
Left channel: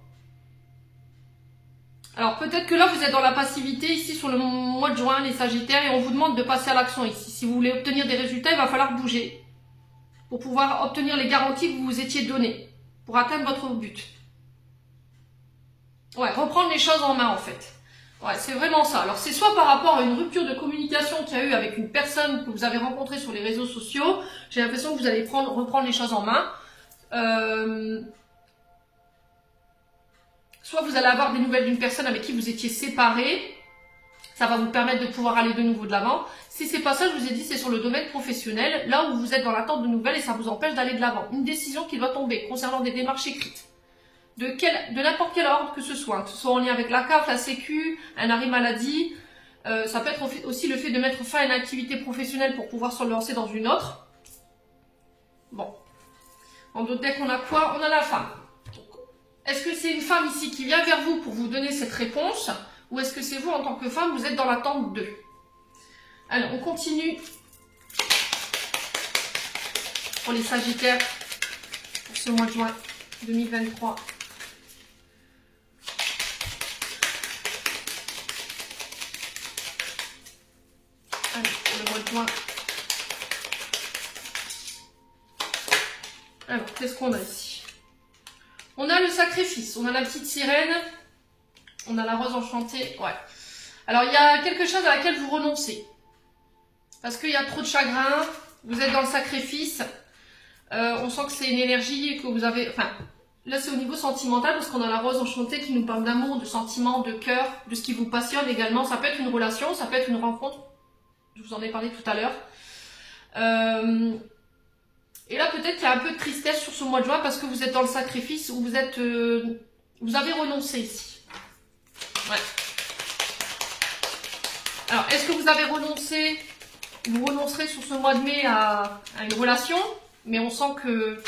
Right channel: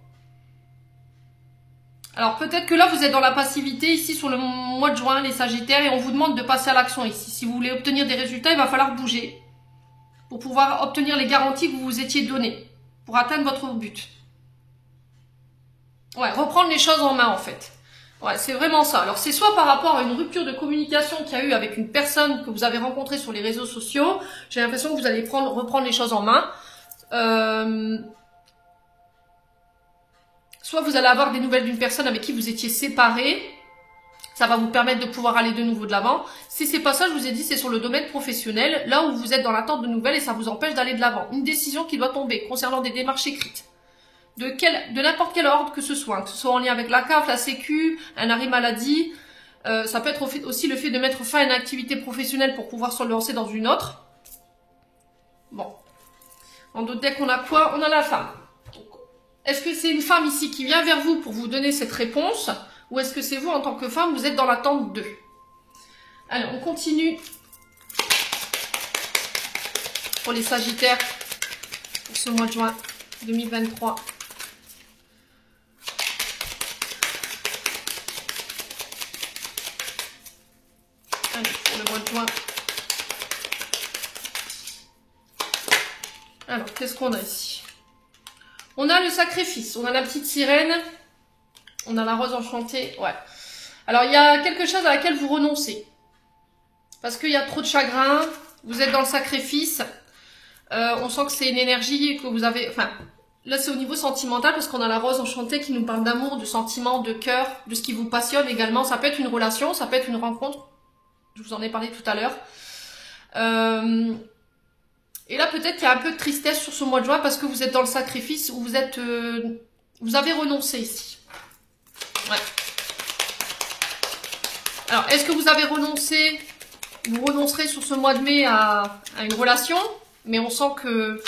Alors peut-être que là vous êtes dans la passivité ici sur le mois de juin les Sagittaires et on vous demande de passer à l'action ici. Si vous voulez obtenir des résultats, il va falloir bouger pour pouvoir obtenir les garanties que vous vous étiez données pour atteindre votre but. Ouais, reprendre les choses en main en fait. Ouais, c'est vraiment ça. Alors c'est soit par rapport à une rupture de communication qu'il y a eu avec une personne que vous avez rencontrée sur les réseaux sociaux. J'ai l'impression que vous allez reprendre les choses en main. Soit vous allez avoir des nouvelles d'une personne avec qui vous étiez séparés. Ça va vous permettre de pouvoir aller de nouveau de l'avant. Si c'est pas ça, je vous ai dit, c'est sur le domaine professionnel, là où vous êtes dans l'attente de nouvelles et ça vous empêche d'aller de l'avant. Une décision qui doit tomber concernant des démarches écrites. De n'importe quel ordre que ce soit en lien avec la CAF, la Sécu, un arrêt maladie. Ça peut être aussi le fait de mettre fin à une activité professionnelle pour pouvoir se lancer dans une autre. Bon. En d'autres decks, on a quoi? On a la femme. Est-ce que c'est une femme ici qui vient vers vous pour vous donner cette réponse? Ou est-ce que c'est vous en tant que femme, vous êtes dans l'attente d'eux? Allez, on continue pour les Sagittaires pour ce mois de juin 2023. Allez, le mois de juin. Alors, qu'est-ce qu'on a ici? On a le sacrifice, on a la petite sirène, on a la rose enchantée, ouais. Alors, il y a quelque chose à laquelle vous renoncez. Parce qu'il y a trop de chagrin, vous êtes dans le sacrifice. On sent que c'est une énergie que vous avez... Enfin, là, c'est au niveau sentimental, parce qu'on a la rose enchantée qui nous parle d'amour, de sentiments, de cœur, de ce qui vous passionne également. Ça peut être une relation, ça peut être une rencontre. Je vous en ai parlé tout à l'heure. Et là, peut-être qu'il y a un peu de tristesse sur ce mois de juin, parce que vous êtes dans le sacrifice, où vous êtes... vous avez renoncé ici. Ouais. Alors, est-ce que vous avez renoncé, vous renoncerez sur ce mois de mai à une relation, mais on sent que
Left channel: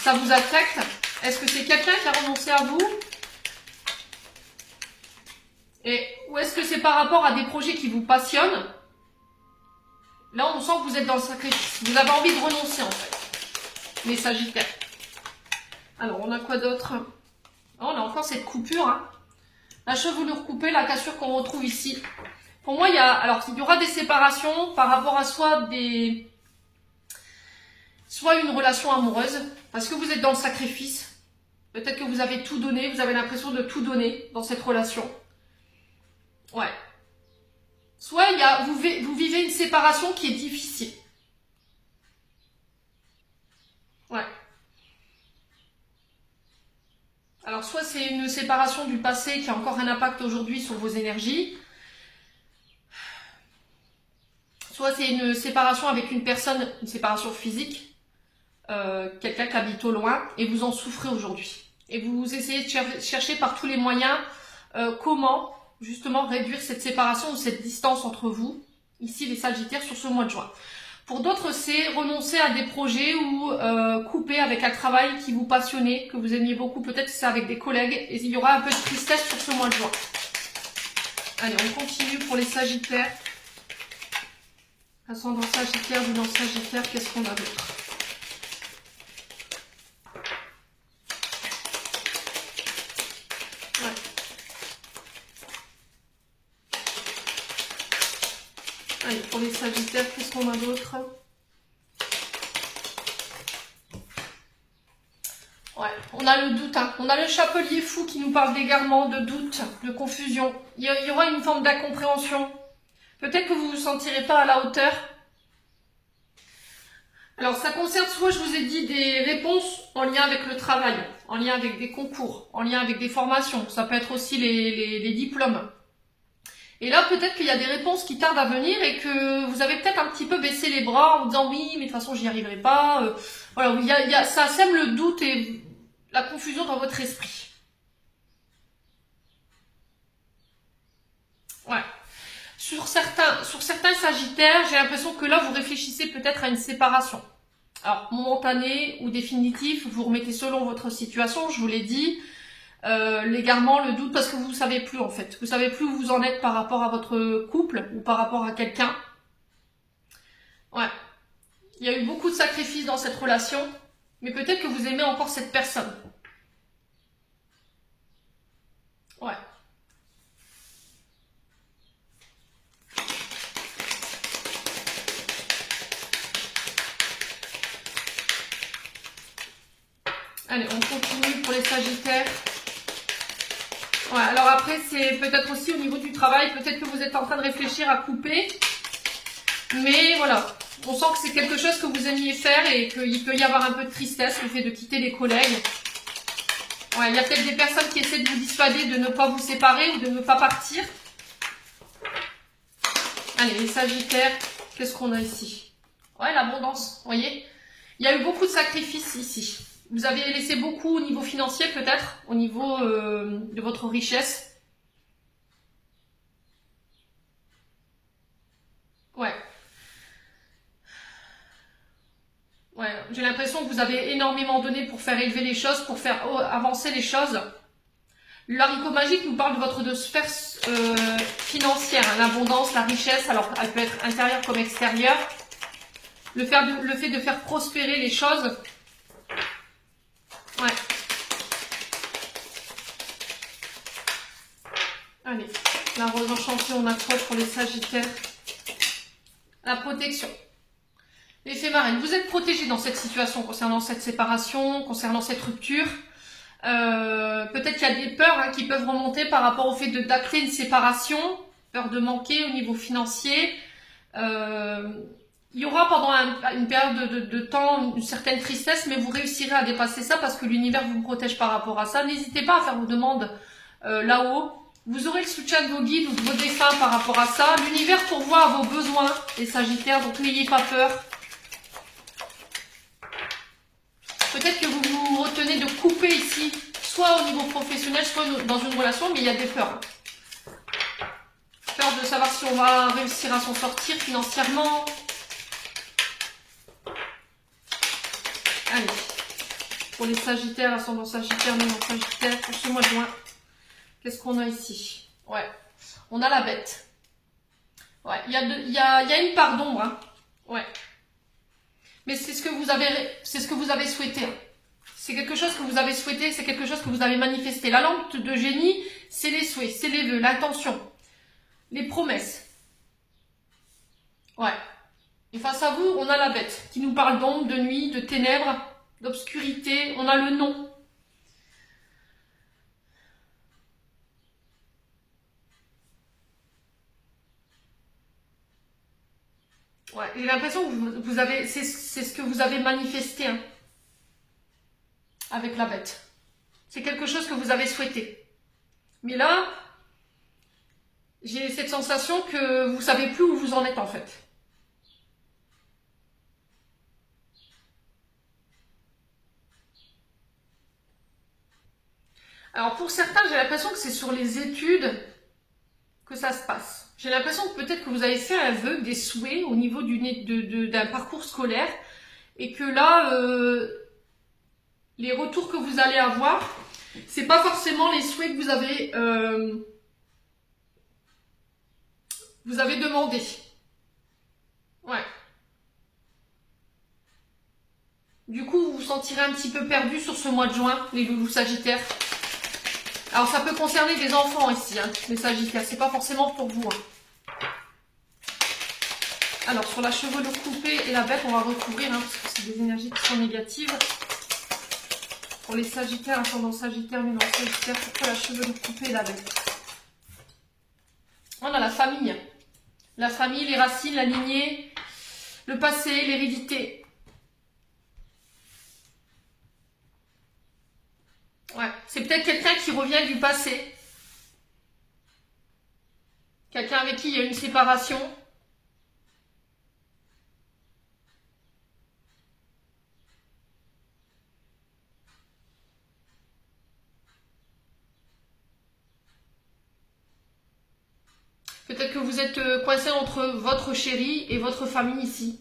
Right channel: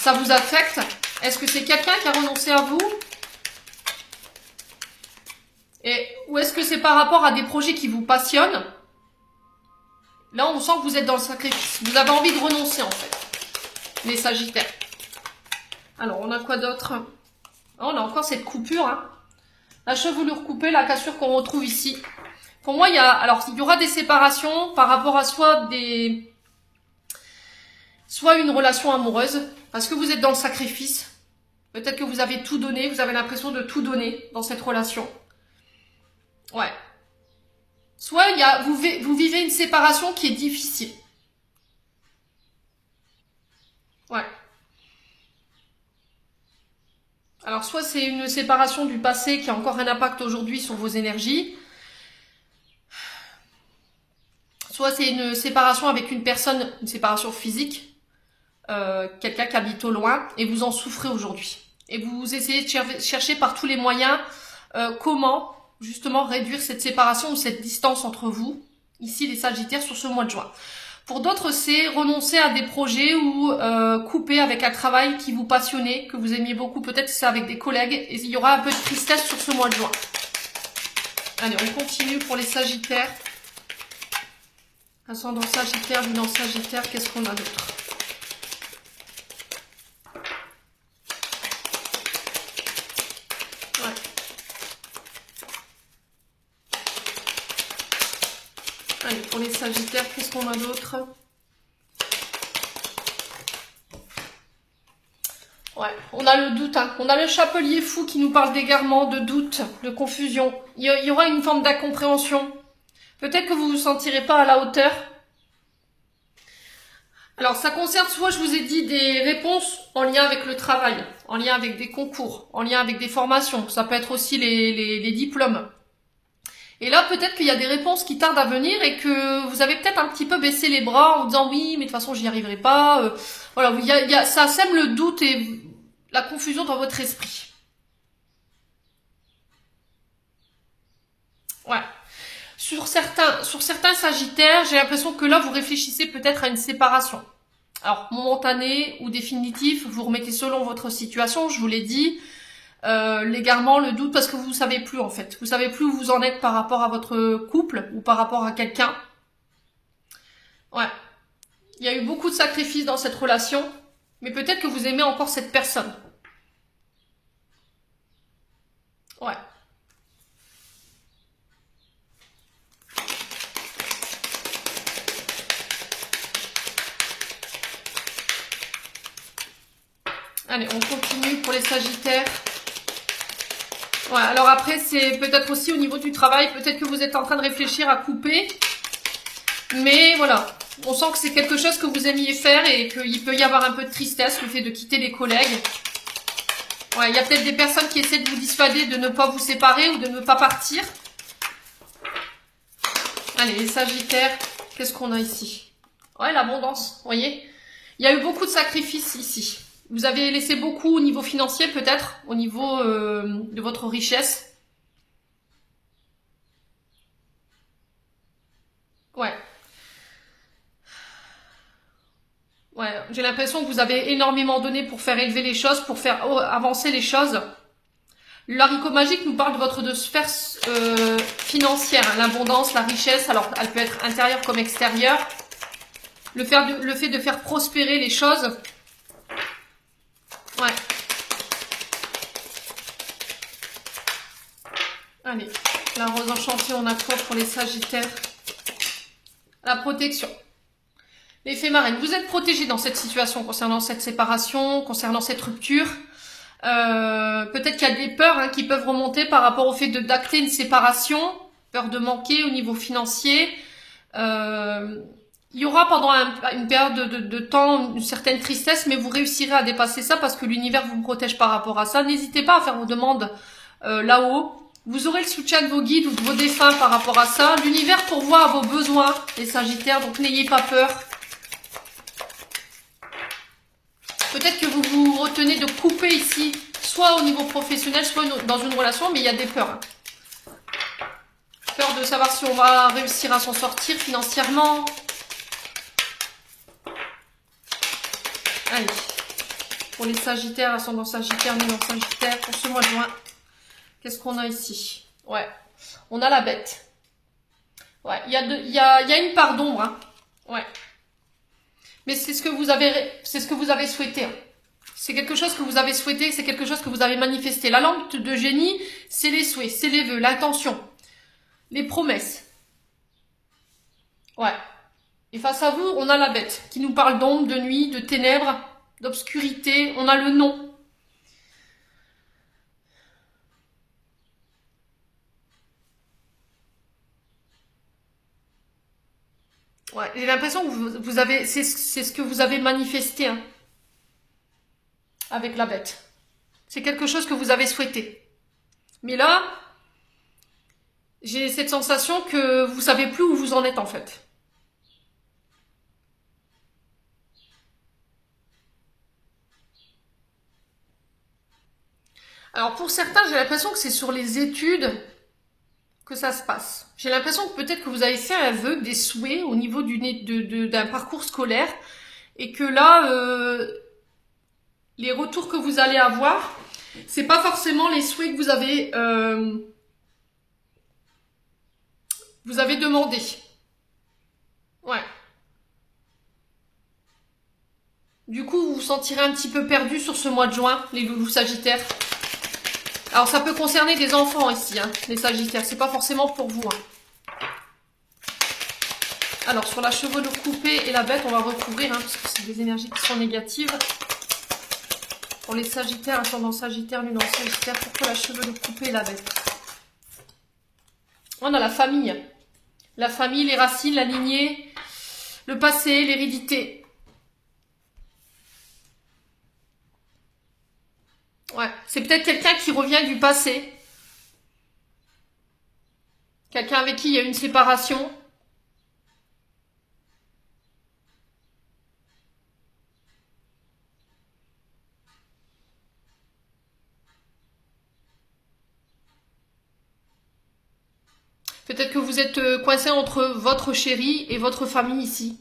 ça vous affecte. Est-ce que c'est quelqu'un qui a renoncé à vous? Ou est-ce que c'est par rapport à des projets qui vous passionnent? Là, on sent que vous êtes dans le sacrifice. Vous avez envie de renoncer, en fait, les Sagittaires. Alors, on a quoi d'autre? Oh, on a encore cette coupure, hein. La chevelure coupée, la cassure qu'on retrouve ici. Pour moi, il y aura des séparations par rapport à soit une relation amoureuse, parce que vous êtes dans le sacrifice. Peut-être que vous avez tout donné, vous avez l'impression de tout donner dans cette relation. Ouais. Soit vous vivez une séparation qui est difficile. Ouais. Alors, soit c'est une séparation du passé qui a encore un impact aujourd'hui sur vos énergies. Soit c'est une séparation avec une personne, une séparation physique, quelqu'un qui habite au loin, et vous en souffrez aujourd'hui. Et vous essayez de chercher par tous les moyens comment justement réduire cette séparation ou cette distance entre vous, ici les Sagittaires, sur ce mois de juin. Pour d'autres, c'est renoncer à des projets ou couper avec un travail qui vous passionnait, que vous aimiez beaucoup. Peut-être que c'est avec des collègues, et il y aura un peu de tristesse sur ce mois de juin. Allez, on continue pour les Sagittaires. Ascendant Sagittaire, Lunan Sagittaire, qu'est-ce qu'on a d'autre? Ouais. Allez, pour les Sagittaires, qu'est-ce qu'on a d'autre? Ouais, on a le doute, hein. On a le chapelier fou qui nous parle d'égarement, de doute, de confusion. Il y aura une forme d'incompréhension. Peut-être que vous ne vous sentirez pas à la hauteur. Alors, ça concerne soit, je vous ai dit, des réponses en lien avec le travail, en lien avec des concours, en lien avec des formations. Ça peut être aussi les diplômes. Et là, peut-être qu'il y a des réponses qui tardent à venir et que vous avez peut-être un petit peu baissé les bras en vous disant oui, mais de toute façon, j'y arriverai pas. Voilà, ça sème le doute et la confusion dans votre esprit. Ouais. Sur certains Sagittaires, j'ai l'impression que là, vous réfléchissez peut-être à une séparation. Alors, momentanée ou définitif, vous remettez selon votre situation, je vous l'ai dit. L'égarement, le doute, parce que vous ne savez plus en fait. Vous ne savez plus où vous en êtes par rapport à votre couple ou par rapport à quelqu'un. Ouais. Il y a eu beaucoup de sacrifices dans cette relation, mais peut-être que vous aimez encore cette personne. Ouais. Allez, on continue pour les Sagittaires. Ouais, alors après, c'est peut-être aussi au niveau du travail, peut-être que vous êtes en train de réfléchir à couper. Mais voilà, on sent que c'est quelque chose que vous aimiez faire et qu'il peut y avoir un peu de tristesse, le fait de quitter les collègues. Ouais, il y a peut-être des personnes qui essaient de vous dissuader de ne pas vous séparer ou de ne pas partir. Allez, les Sagittaires, qu'est-ce qu'on a ici? Ouais, l'abondance, vous voyez. Il y a eu beaucoup de sacrifices ici. Vous avez laissé beaucoup au niveau financier peut-être, au niveau de votre richesse. Ouais. Ouais, j'ai l'impression que vous avez énormément donné pour faire élever les choses, pour faire avancer les choses. Le haricot magique nous parle de votre sphère financière, hein, l'abondance, la richesse. Alors, elle peut être intérieure comme extérieure. le fait de faire prospérer les choses. Ouais. Allez, la rose enchantée, on a quoi pour les Sagittaires? La protection. Les fées marraines, vous êtes protégés dans cette situation concernant cette séparation, concernant cette rupture. Peut-être qu'il y a des peurs qui peuvent remonter par rapport au fait d'acter une séparation, peur de manquer au niveau financier. Il y aura pendant une période de temps une certaine tristesse, mais vous réussirez à dépasser ça parce que l'univers vous protège par rapport à ça. N'hésitez pas à faire vos demandes là-haut. Vous aurez le soutien de vos guides ou de vos défunts par rapport à ça. L'univers pourvoit à vos besoins, les Sagittaires, donc n'ayez pas peur. Peut-être que vous vous retenez de couper ici, soit au niveau professionnel, soit dans une relation, mais il y a des peurs. Peur de savoir si on va réussir à s'en sortir financièrement. Allez, pour les Sagittaires, ascendant Sagittaire, mouvement Sagittaire, pour ce mois de juin, qu'est-ce qu'on a ici? Ouais, on a la bête. Ouais, il y a une part d'ombre. Hein. Ouais. Mais c'est ce que vous avez souhaité. Hein. C'est quelque chose que vous avez souhaité, c'est quelque chose que vous avez manifesté. La lampe de génie, c'est les souhaits, c'est les vœux, l'intention, les promesses. Ouais. Et face à vous, on a la bête qui nous parle d'ombre, de nuit, de ténèbres, d'obscurité. On a le non. Ouais, j'ai l'impression que vous avez, c'est ce que vous avez manifesté hein, avec la bête. C'est quelque chose que vous avez souhaité. Mais là, j'ai cette sensation que vous savez plus où vous en êtes en fait. Alors pour certains, j'ai l'impression que c'est sur les études que ça se passe. J'ai l'impression que peut-être que vous avez fait un vœu, des souhaits au niveau d'un parcours scolaire et que là, les retours que vous allez avoir, c'est pas forcément les souhaits que vous avez demandé. Ouais. Du coup, vous vous sentirez un petit peu perdu sur ce mois de juin, les loulous Sagittaires. Alors, ça peut concerner des enfants ici, hein, les Sagittaires. C'est pas forcément pour vous. Hein. Alors, sur la chevelure coupée et la bête, on va retrouver, hein, parce que c'est des énergies qui sont négatives. Pour les Sagittaires, ascendant Sagittaire, lunaire Sagittaire, pourquoi la chevelure coupée et la bête? On a la famille. La famille, les racines, la lignée, le passé, l'hérédité. Ouais, c'est peut-être quelqu'un qui revient du passé. Quelqu'un avec qui il y a une séparation. Peut-être que vous êtes coincé entre votre chéri et votre famille ici.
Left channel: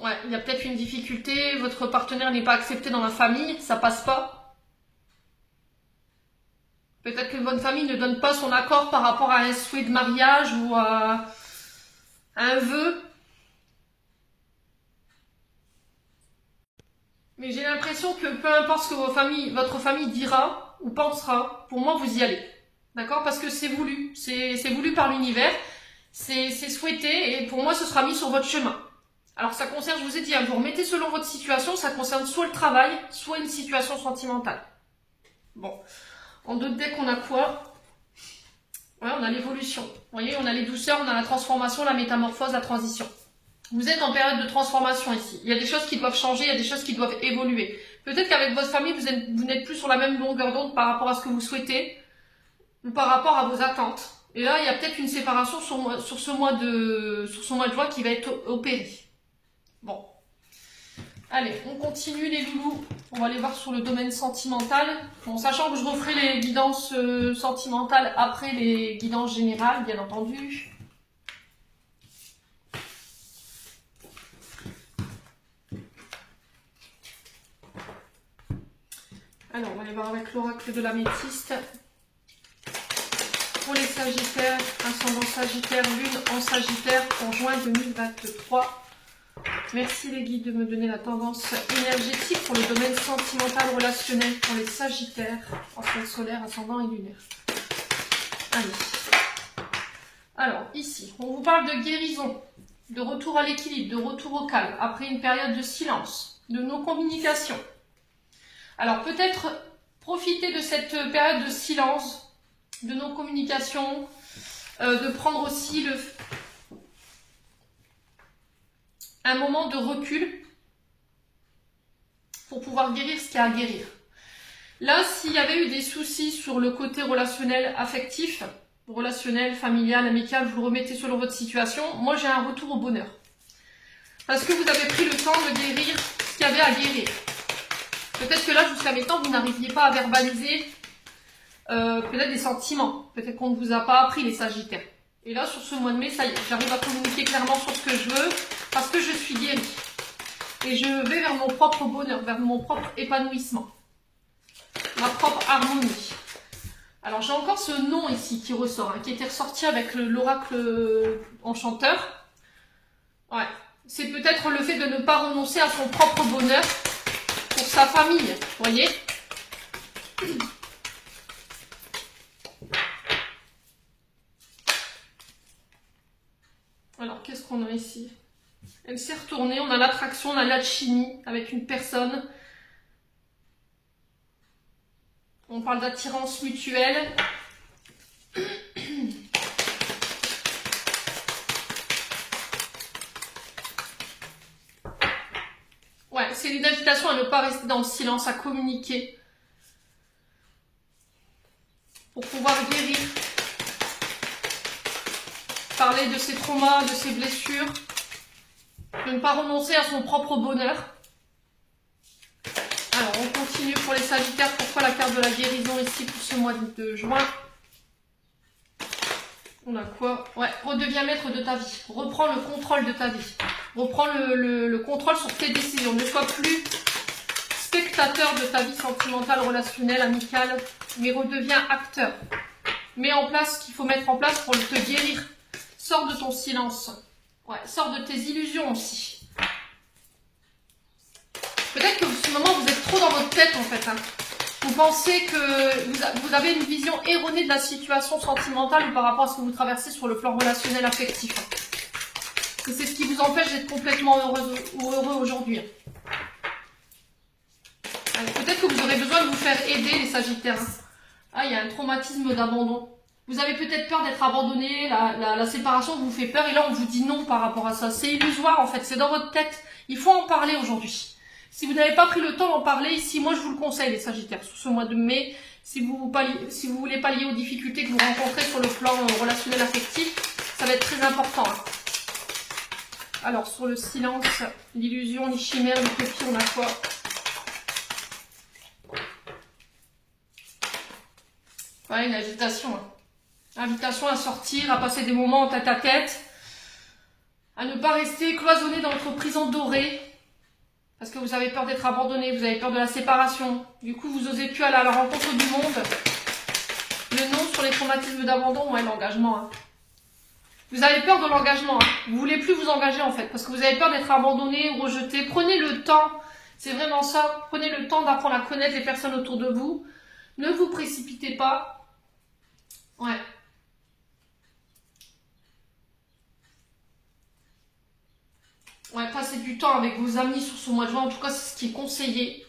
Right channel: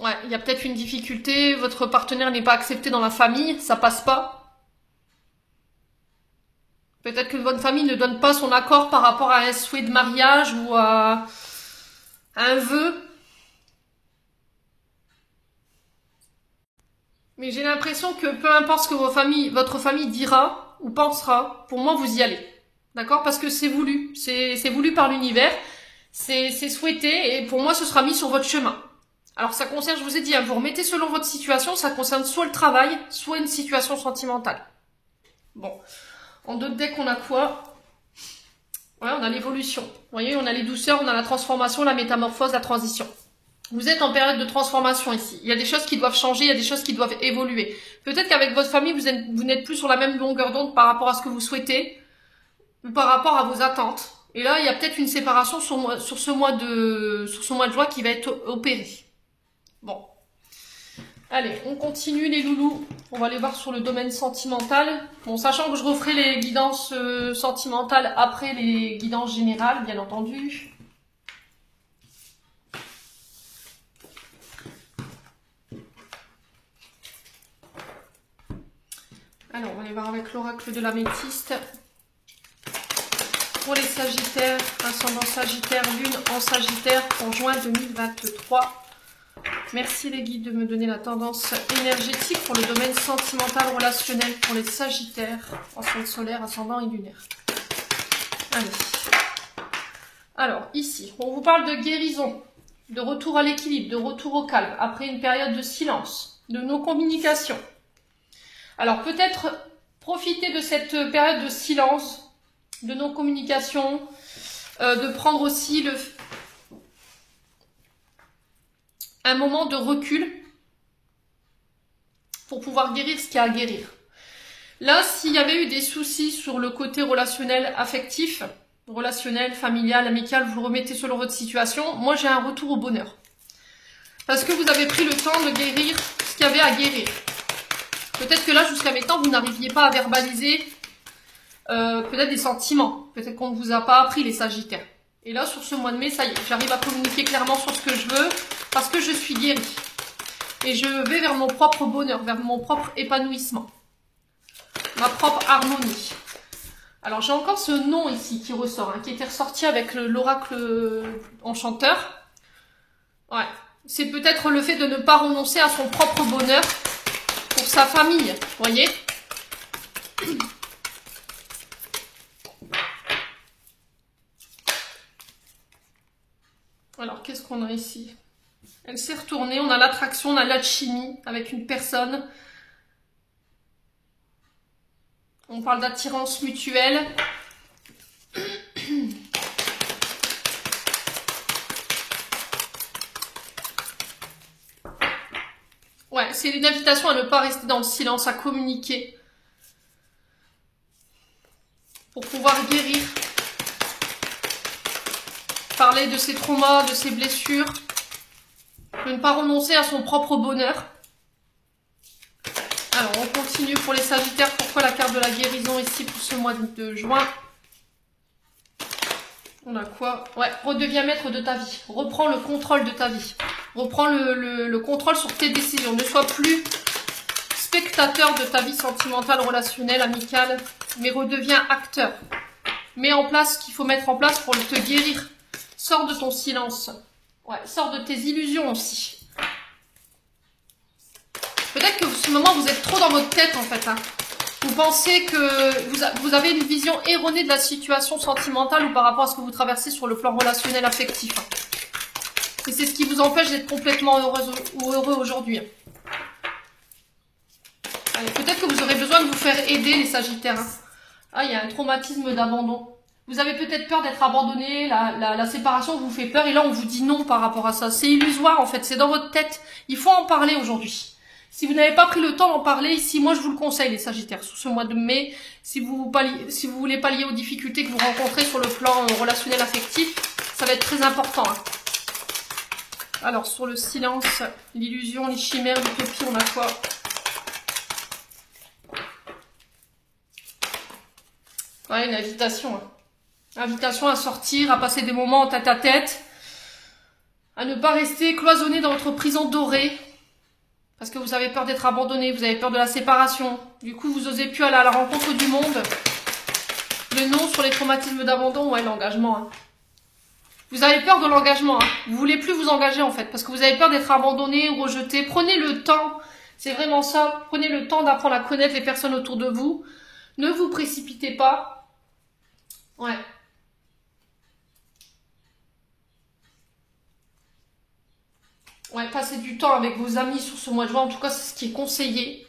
Ouais, il y a peut-être une difficulté, votre partenaire n'est pas accepté dans la famille, ça passe pas. Peut-être que votre famille ne donne pas son accord par rapport à un souhait de mariage ou à un vœu. Mais j'ai l'impression que peu importe ce que votre famille dira ou pensera, pour moi vous y allez. D'accord? Parce que c'est voulu. C'est voulu par l'univers. C'est souhaité et pour moi ce sera mis sur votre chemin. Alors ça concerne, je vous ai dit, hein, vous remettez selon votre situation, ça concerne soit le travail, soit une situation sentimentale. Bon, en d'autres decks, on a quoi? Ouais, on a l'évolution. Vous voyez, on a les douceurs, on a la transformation, la métamorphose, la transition. Vous êtes en période de transformation ici. Il y a des choses qui doivent changer, il y a des choses qui doivent évoluer. Peut-être qu'avec votre famille, vous n'êtes plus sur la même longueur d'onde par rapport à ce que vous souhaitez, ou par rapport à vos attentes. Et là, il y a peut-être une séparation sur ce mois de juin qui va être opérée. Bon. Allez, on continue les loulous. On va aller voir sur le domaine sentimental. Bon, sachant que je referai les guidances sentimentales après les guidances générales, bien entendu. Alors, on va aller voir avec l'oracle de l'améthyste. pour les Sagittaires, ascendant Sagittaire, Lune en Sagittaire pour juin 2023. Merci les guides de me donner la tendance énergétique pour le domaine sentimental relationnel pour les Sagittaires, ascendant solaire, ascendant et lunaire. Allez. Alors ici, on vous parle de guérison, de retour à l'équilibre, de retour au calme, après une période de silence, de nos communications. Alors peut-être profiter de cette période de silence, de nos communications, de prendre aussi un moment de recul pour pouvoir guérir ce qu'il y a à guérir. Là, s'il y avait eu des soucis sur le côté relationnel, affectif, relationnel, familial, amical, vous le remettez selon votre situation. Moi, j'ai un retour au bonheur. Parce que vous avez pris le temps de guérir ce qu'il y avait à guérir. Peut-être que là, jusqu'à maintenant, vous n'arriviez pas à verbaliser peut-être des sentiments. Peut-être qu'on ne vous a pas appris les Sagittaires. Et là, sur ce mois de mai, ça y est, j'arrive à communiquer clairement sur ce que je veux parce que je suis guérie. Et je vais vers mon propre bonheur, vers mon propre épanouissement. Ma propre harmonie. Alors, j'ai encore ce nom ici qui ressort, qui était ressorti avec l'oracle enchanteur. Ouais. C'est peut-être le fait de ne pas renoncer à son propre bonheur pour sa famille, vous voyez. Alors, qu'est-ce qu'on a ici? Elle s'est retournée, on a l'attraction, on a l'alchimie avec une personne. On parle d'attirance mutuelle. Ouais, c'est une invitation à ne pas rester dans le silence, à communiquer. Pour pouvoir guérir. Parler de ses traumas, de ses blessures. De ne pas renoncer à son propre bonheur. Alors, on continue pour les Sagittaires. Pourquoi la carte de la guérison ici pour ce mois de juin? On a quoi? Ouais, redeviens maître de ta vie. Reprends le contrôle de ta vie. Reprends le contrôle sur tes décisions. Ne sois plus spectateur de ta vie sentimentale, relationnelle, amicale, mais redeviens acteur. Mets en place ce qu'il faut mettre en place pour te guérir. Sors de ton silence. Ouais, sors de tes illusions aussi. Peut-être que ce moment, vous êtes trop dans votre tête en fait. Hein. Vous pensez que vous avez une vision erronée de la situation sentimentale ou par rapport à ce que vous traversez sur le plan relationnel affectif. Et c'est ce qui vous empêche d'être complètement heureuse ou heureux aujourd'hui. Peut-être que vous aurez besoin de vous faire aider les Sagittaires. Hein. Ah, il y a un traumatisme d'abandon. Vous avez peut-être peur d'être abandonné, la séparation vous fait peur et là on vous dit non par rapport à ça. C'est illusoire en fait, c'est dans votre tête. Il faut en parler aujourd'hui. Si vous n'avez pas pris le temps d'en parler ici, moi je vous le conseille les Sagittaires, sur ce mois de mai, si vous voulez pallier aux difficultés que vous rencontrez sur le plan relationnel affectif, ça va être très important. Hein. Alors sur le silence, l'illusion, les chimères, les copies, on a quoi? Ouais, une invitation. Hein. Invitation à sortir, à passer des moments en tête-à-tête, à ne pas rester cloisonné dans votre prison dorée, parce que vous avez peur d'être abandonné, vous avez peur de la séparation. Du coup, vous n'osez plus aller à la rencontre du monde. Le non sur les traumatismes d'abandon, ouais, l'engagement. Hein. Vous avez peur de l'engagement. Hein. Vous ne voulez plus vous engager en fait, parce que vous avez peur d'être abandonné ou rejeté. Prenez le temps, c'est vraiment ça. Prenez le temps d'apprendre à connaître les personnes autour de vous. Ne vous précipitez pas. Ouais. Ouais, passer du temps avec vos amis sur ce mois de juin, en tout cas, c'est ce qui est conseillé.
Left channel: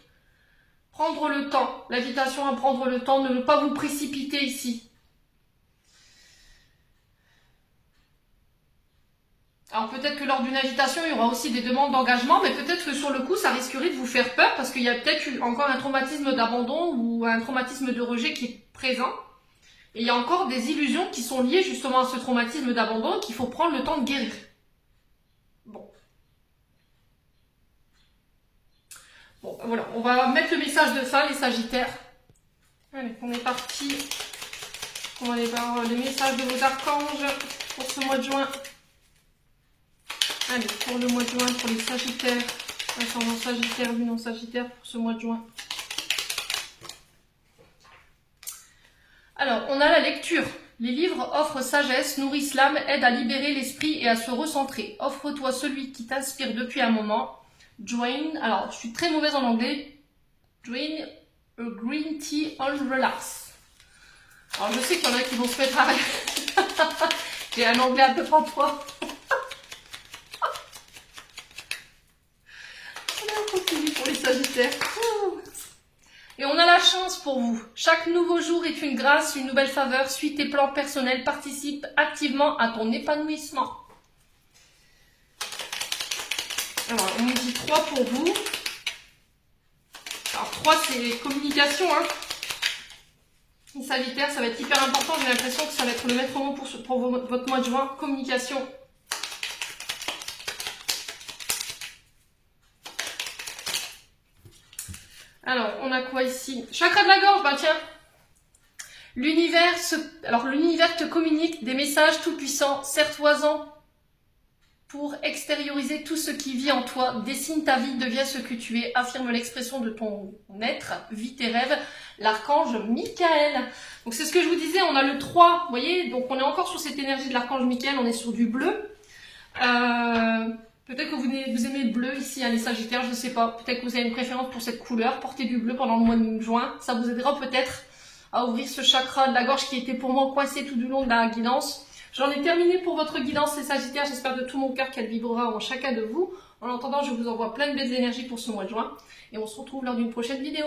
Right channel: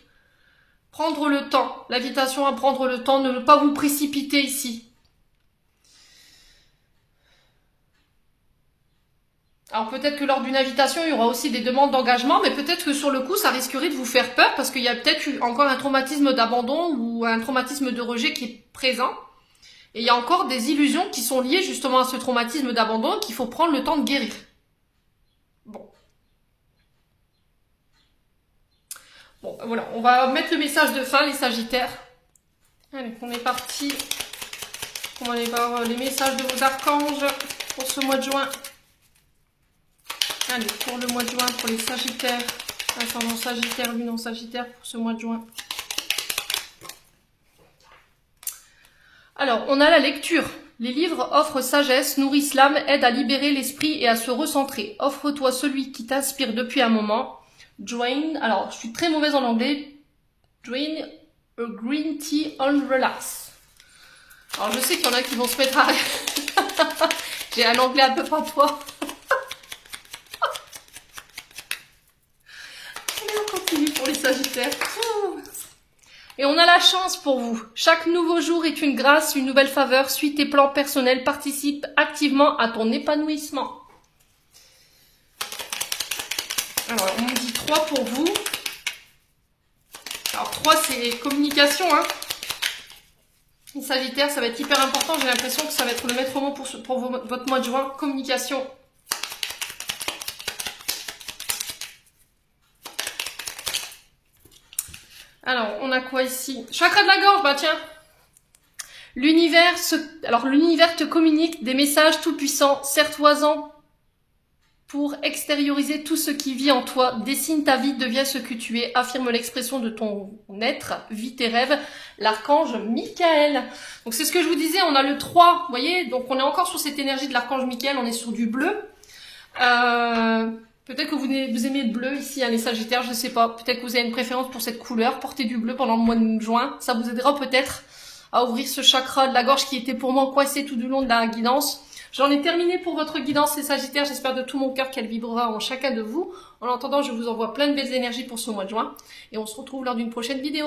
Prendre le temps, l'invitation à prendre le temps, ne pas vous précipiter ici. Alors peut-être que lors d'une invitation, il y aura aussi des demandes d'engagement, mais peut-être que sur le coup, ça risquerait de vous faire peur, parce qu'il y a peut-être encore un traumatisme d'abandon ou un traumatisme de rejet qui est présent. Et il y a encore des illusions qui sont liées justement à ce traumatisme d'abandon qu'il faut prendre le temps de guérir. Bon. Bon, voilà, on va mettre le message de fin, les Sagittaires. Allez, on est parti. On va aller voir les messages de vos archanges pour ce mois de juin. Allez, pour le mois de juin, pour les Sagittaires. Ascendant Sagittaire, Lune en Sagittaire pour ce mois de juin. Alors, on a la lecture. Les livres offrent sagesse, nourrissent l'âme, aident à libérer l'esprit et à se recentrer. Offre-toi celui qui t'inspire depuis un moment. Join, alors je suis très mauvaise en anglais. Join a green tea and relax. Alors je sais qu'il y en a qui vont se mettre à rire. J'ai un anglais un peu patois. On continue pour les Sagittaires. Et on a la chance pour vous. Chaque nouveau jour est une grâce, une nouvelle faveur. Suis tes plans personnels, participe activement à ton épanouissement. Alors, on nous dit 3 pour vous. Alors, 3, c'est communication. Hein. Les Sagittaires, ça va être hyper important. J'ai l'impression que ça va être le maître mot pour votre mois de juin. Communication. Alors, on a quoi ici? Chakra de la gorge, bah tiens. L'univers te communique des messages tout-puissants, serre-toi-en pour extérioriser tout ce qui vit en toi. Dessine ta vie, deviens ce que tu es, affirme l'expression de ton être, vis tes rêves. L'archange Michael. Donc c'est ce que je vous disais, on a le 3, vous voyez, donc on est encore sur cette énergie de l'archange Michael, on est sur du bleu. Peut-être que vous aimez le bleu ici, hein, les Sagittaires, je ne sais pas. Peut-être que vous avez une préférence pour cette couleur. Portez du bleu pendant le mois de juin. Ça vous aidera peut-être à ouvrir ce chakra de la gorge qui était pour moi coincé tout du long de la guidance. J'en ai terminé pour votre guidance, les Sagittaires. J'espère de tout mon cœur qu'elle vibrera en chacun de vous. En attendant, je vous envoie plein de belles énergies pour ce mois de juin. Et on se retrouve lors d'une prochaine vidéo.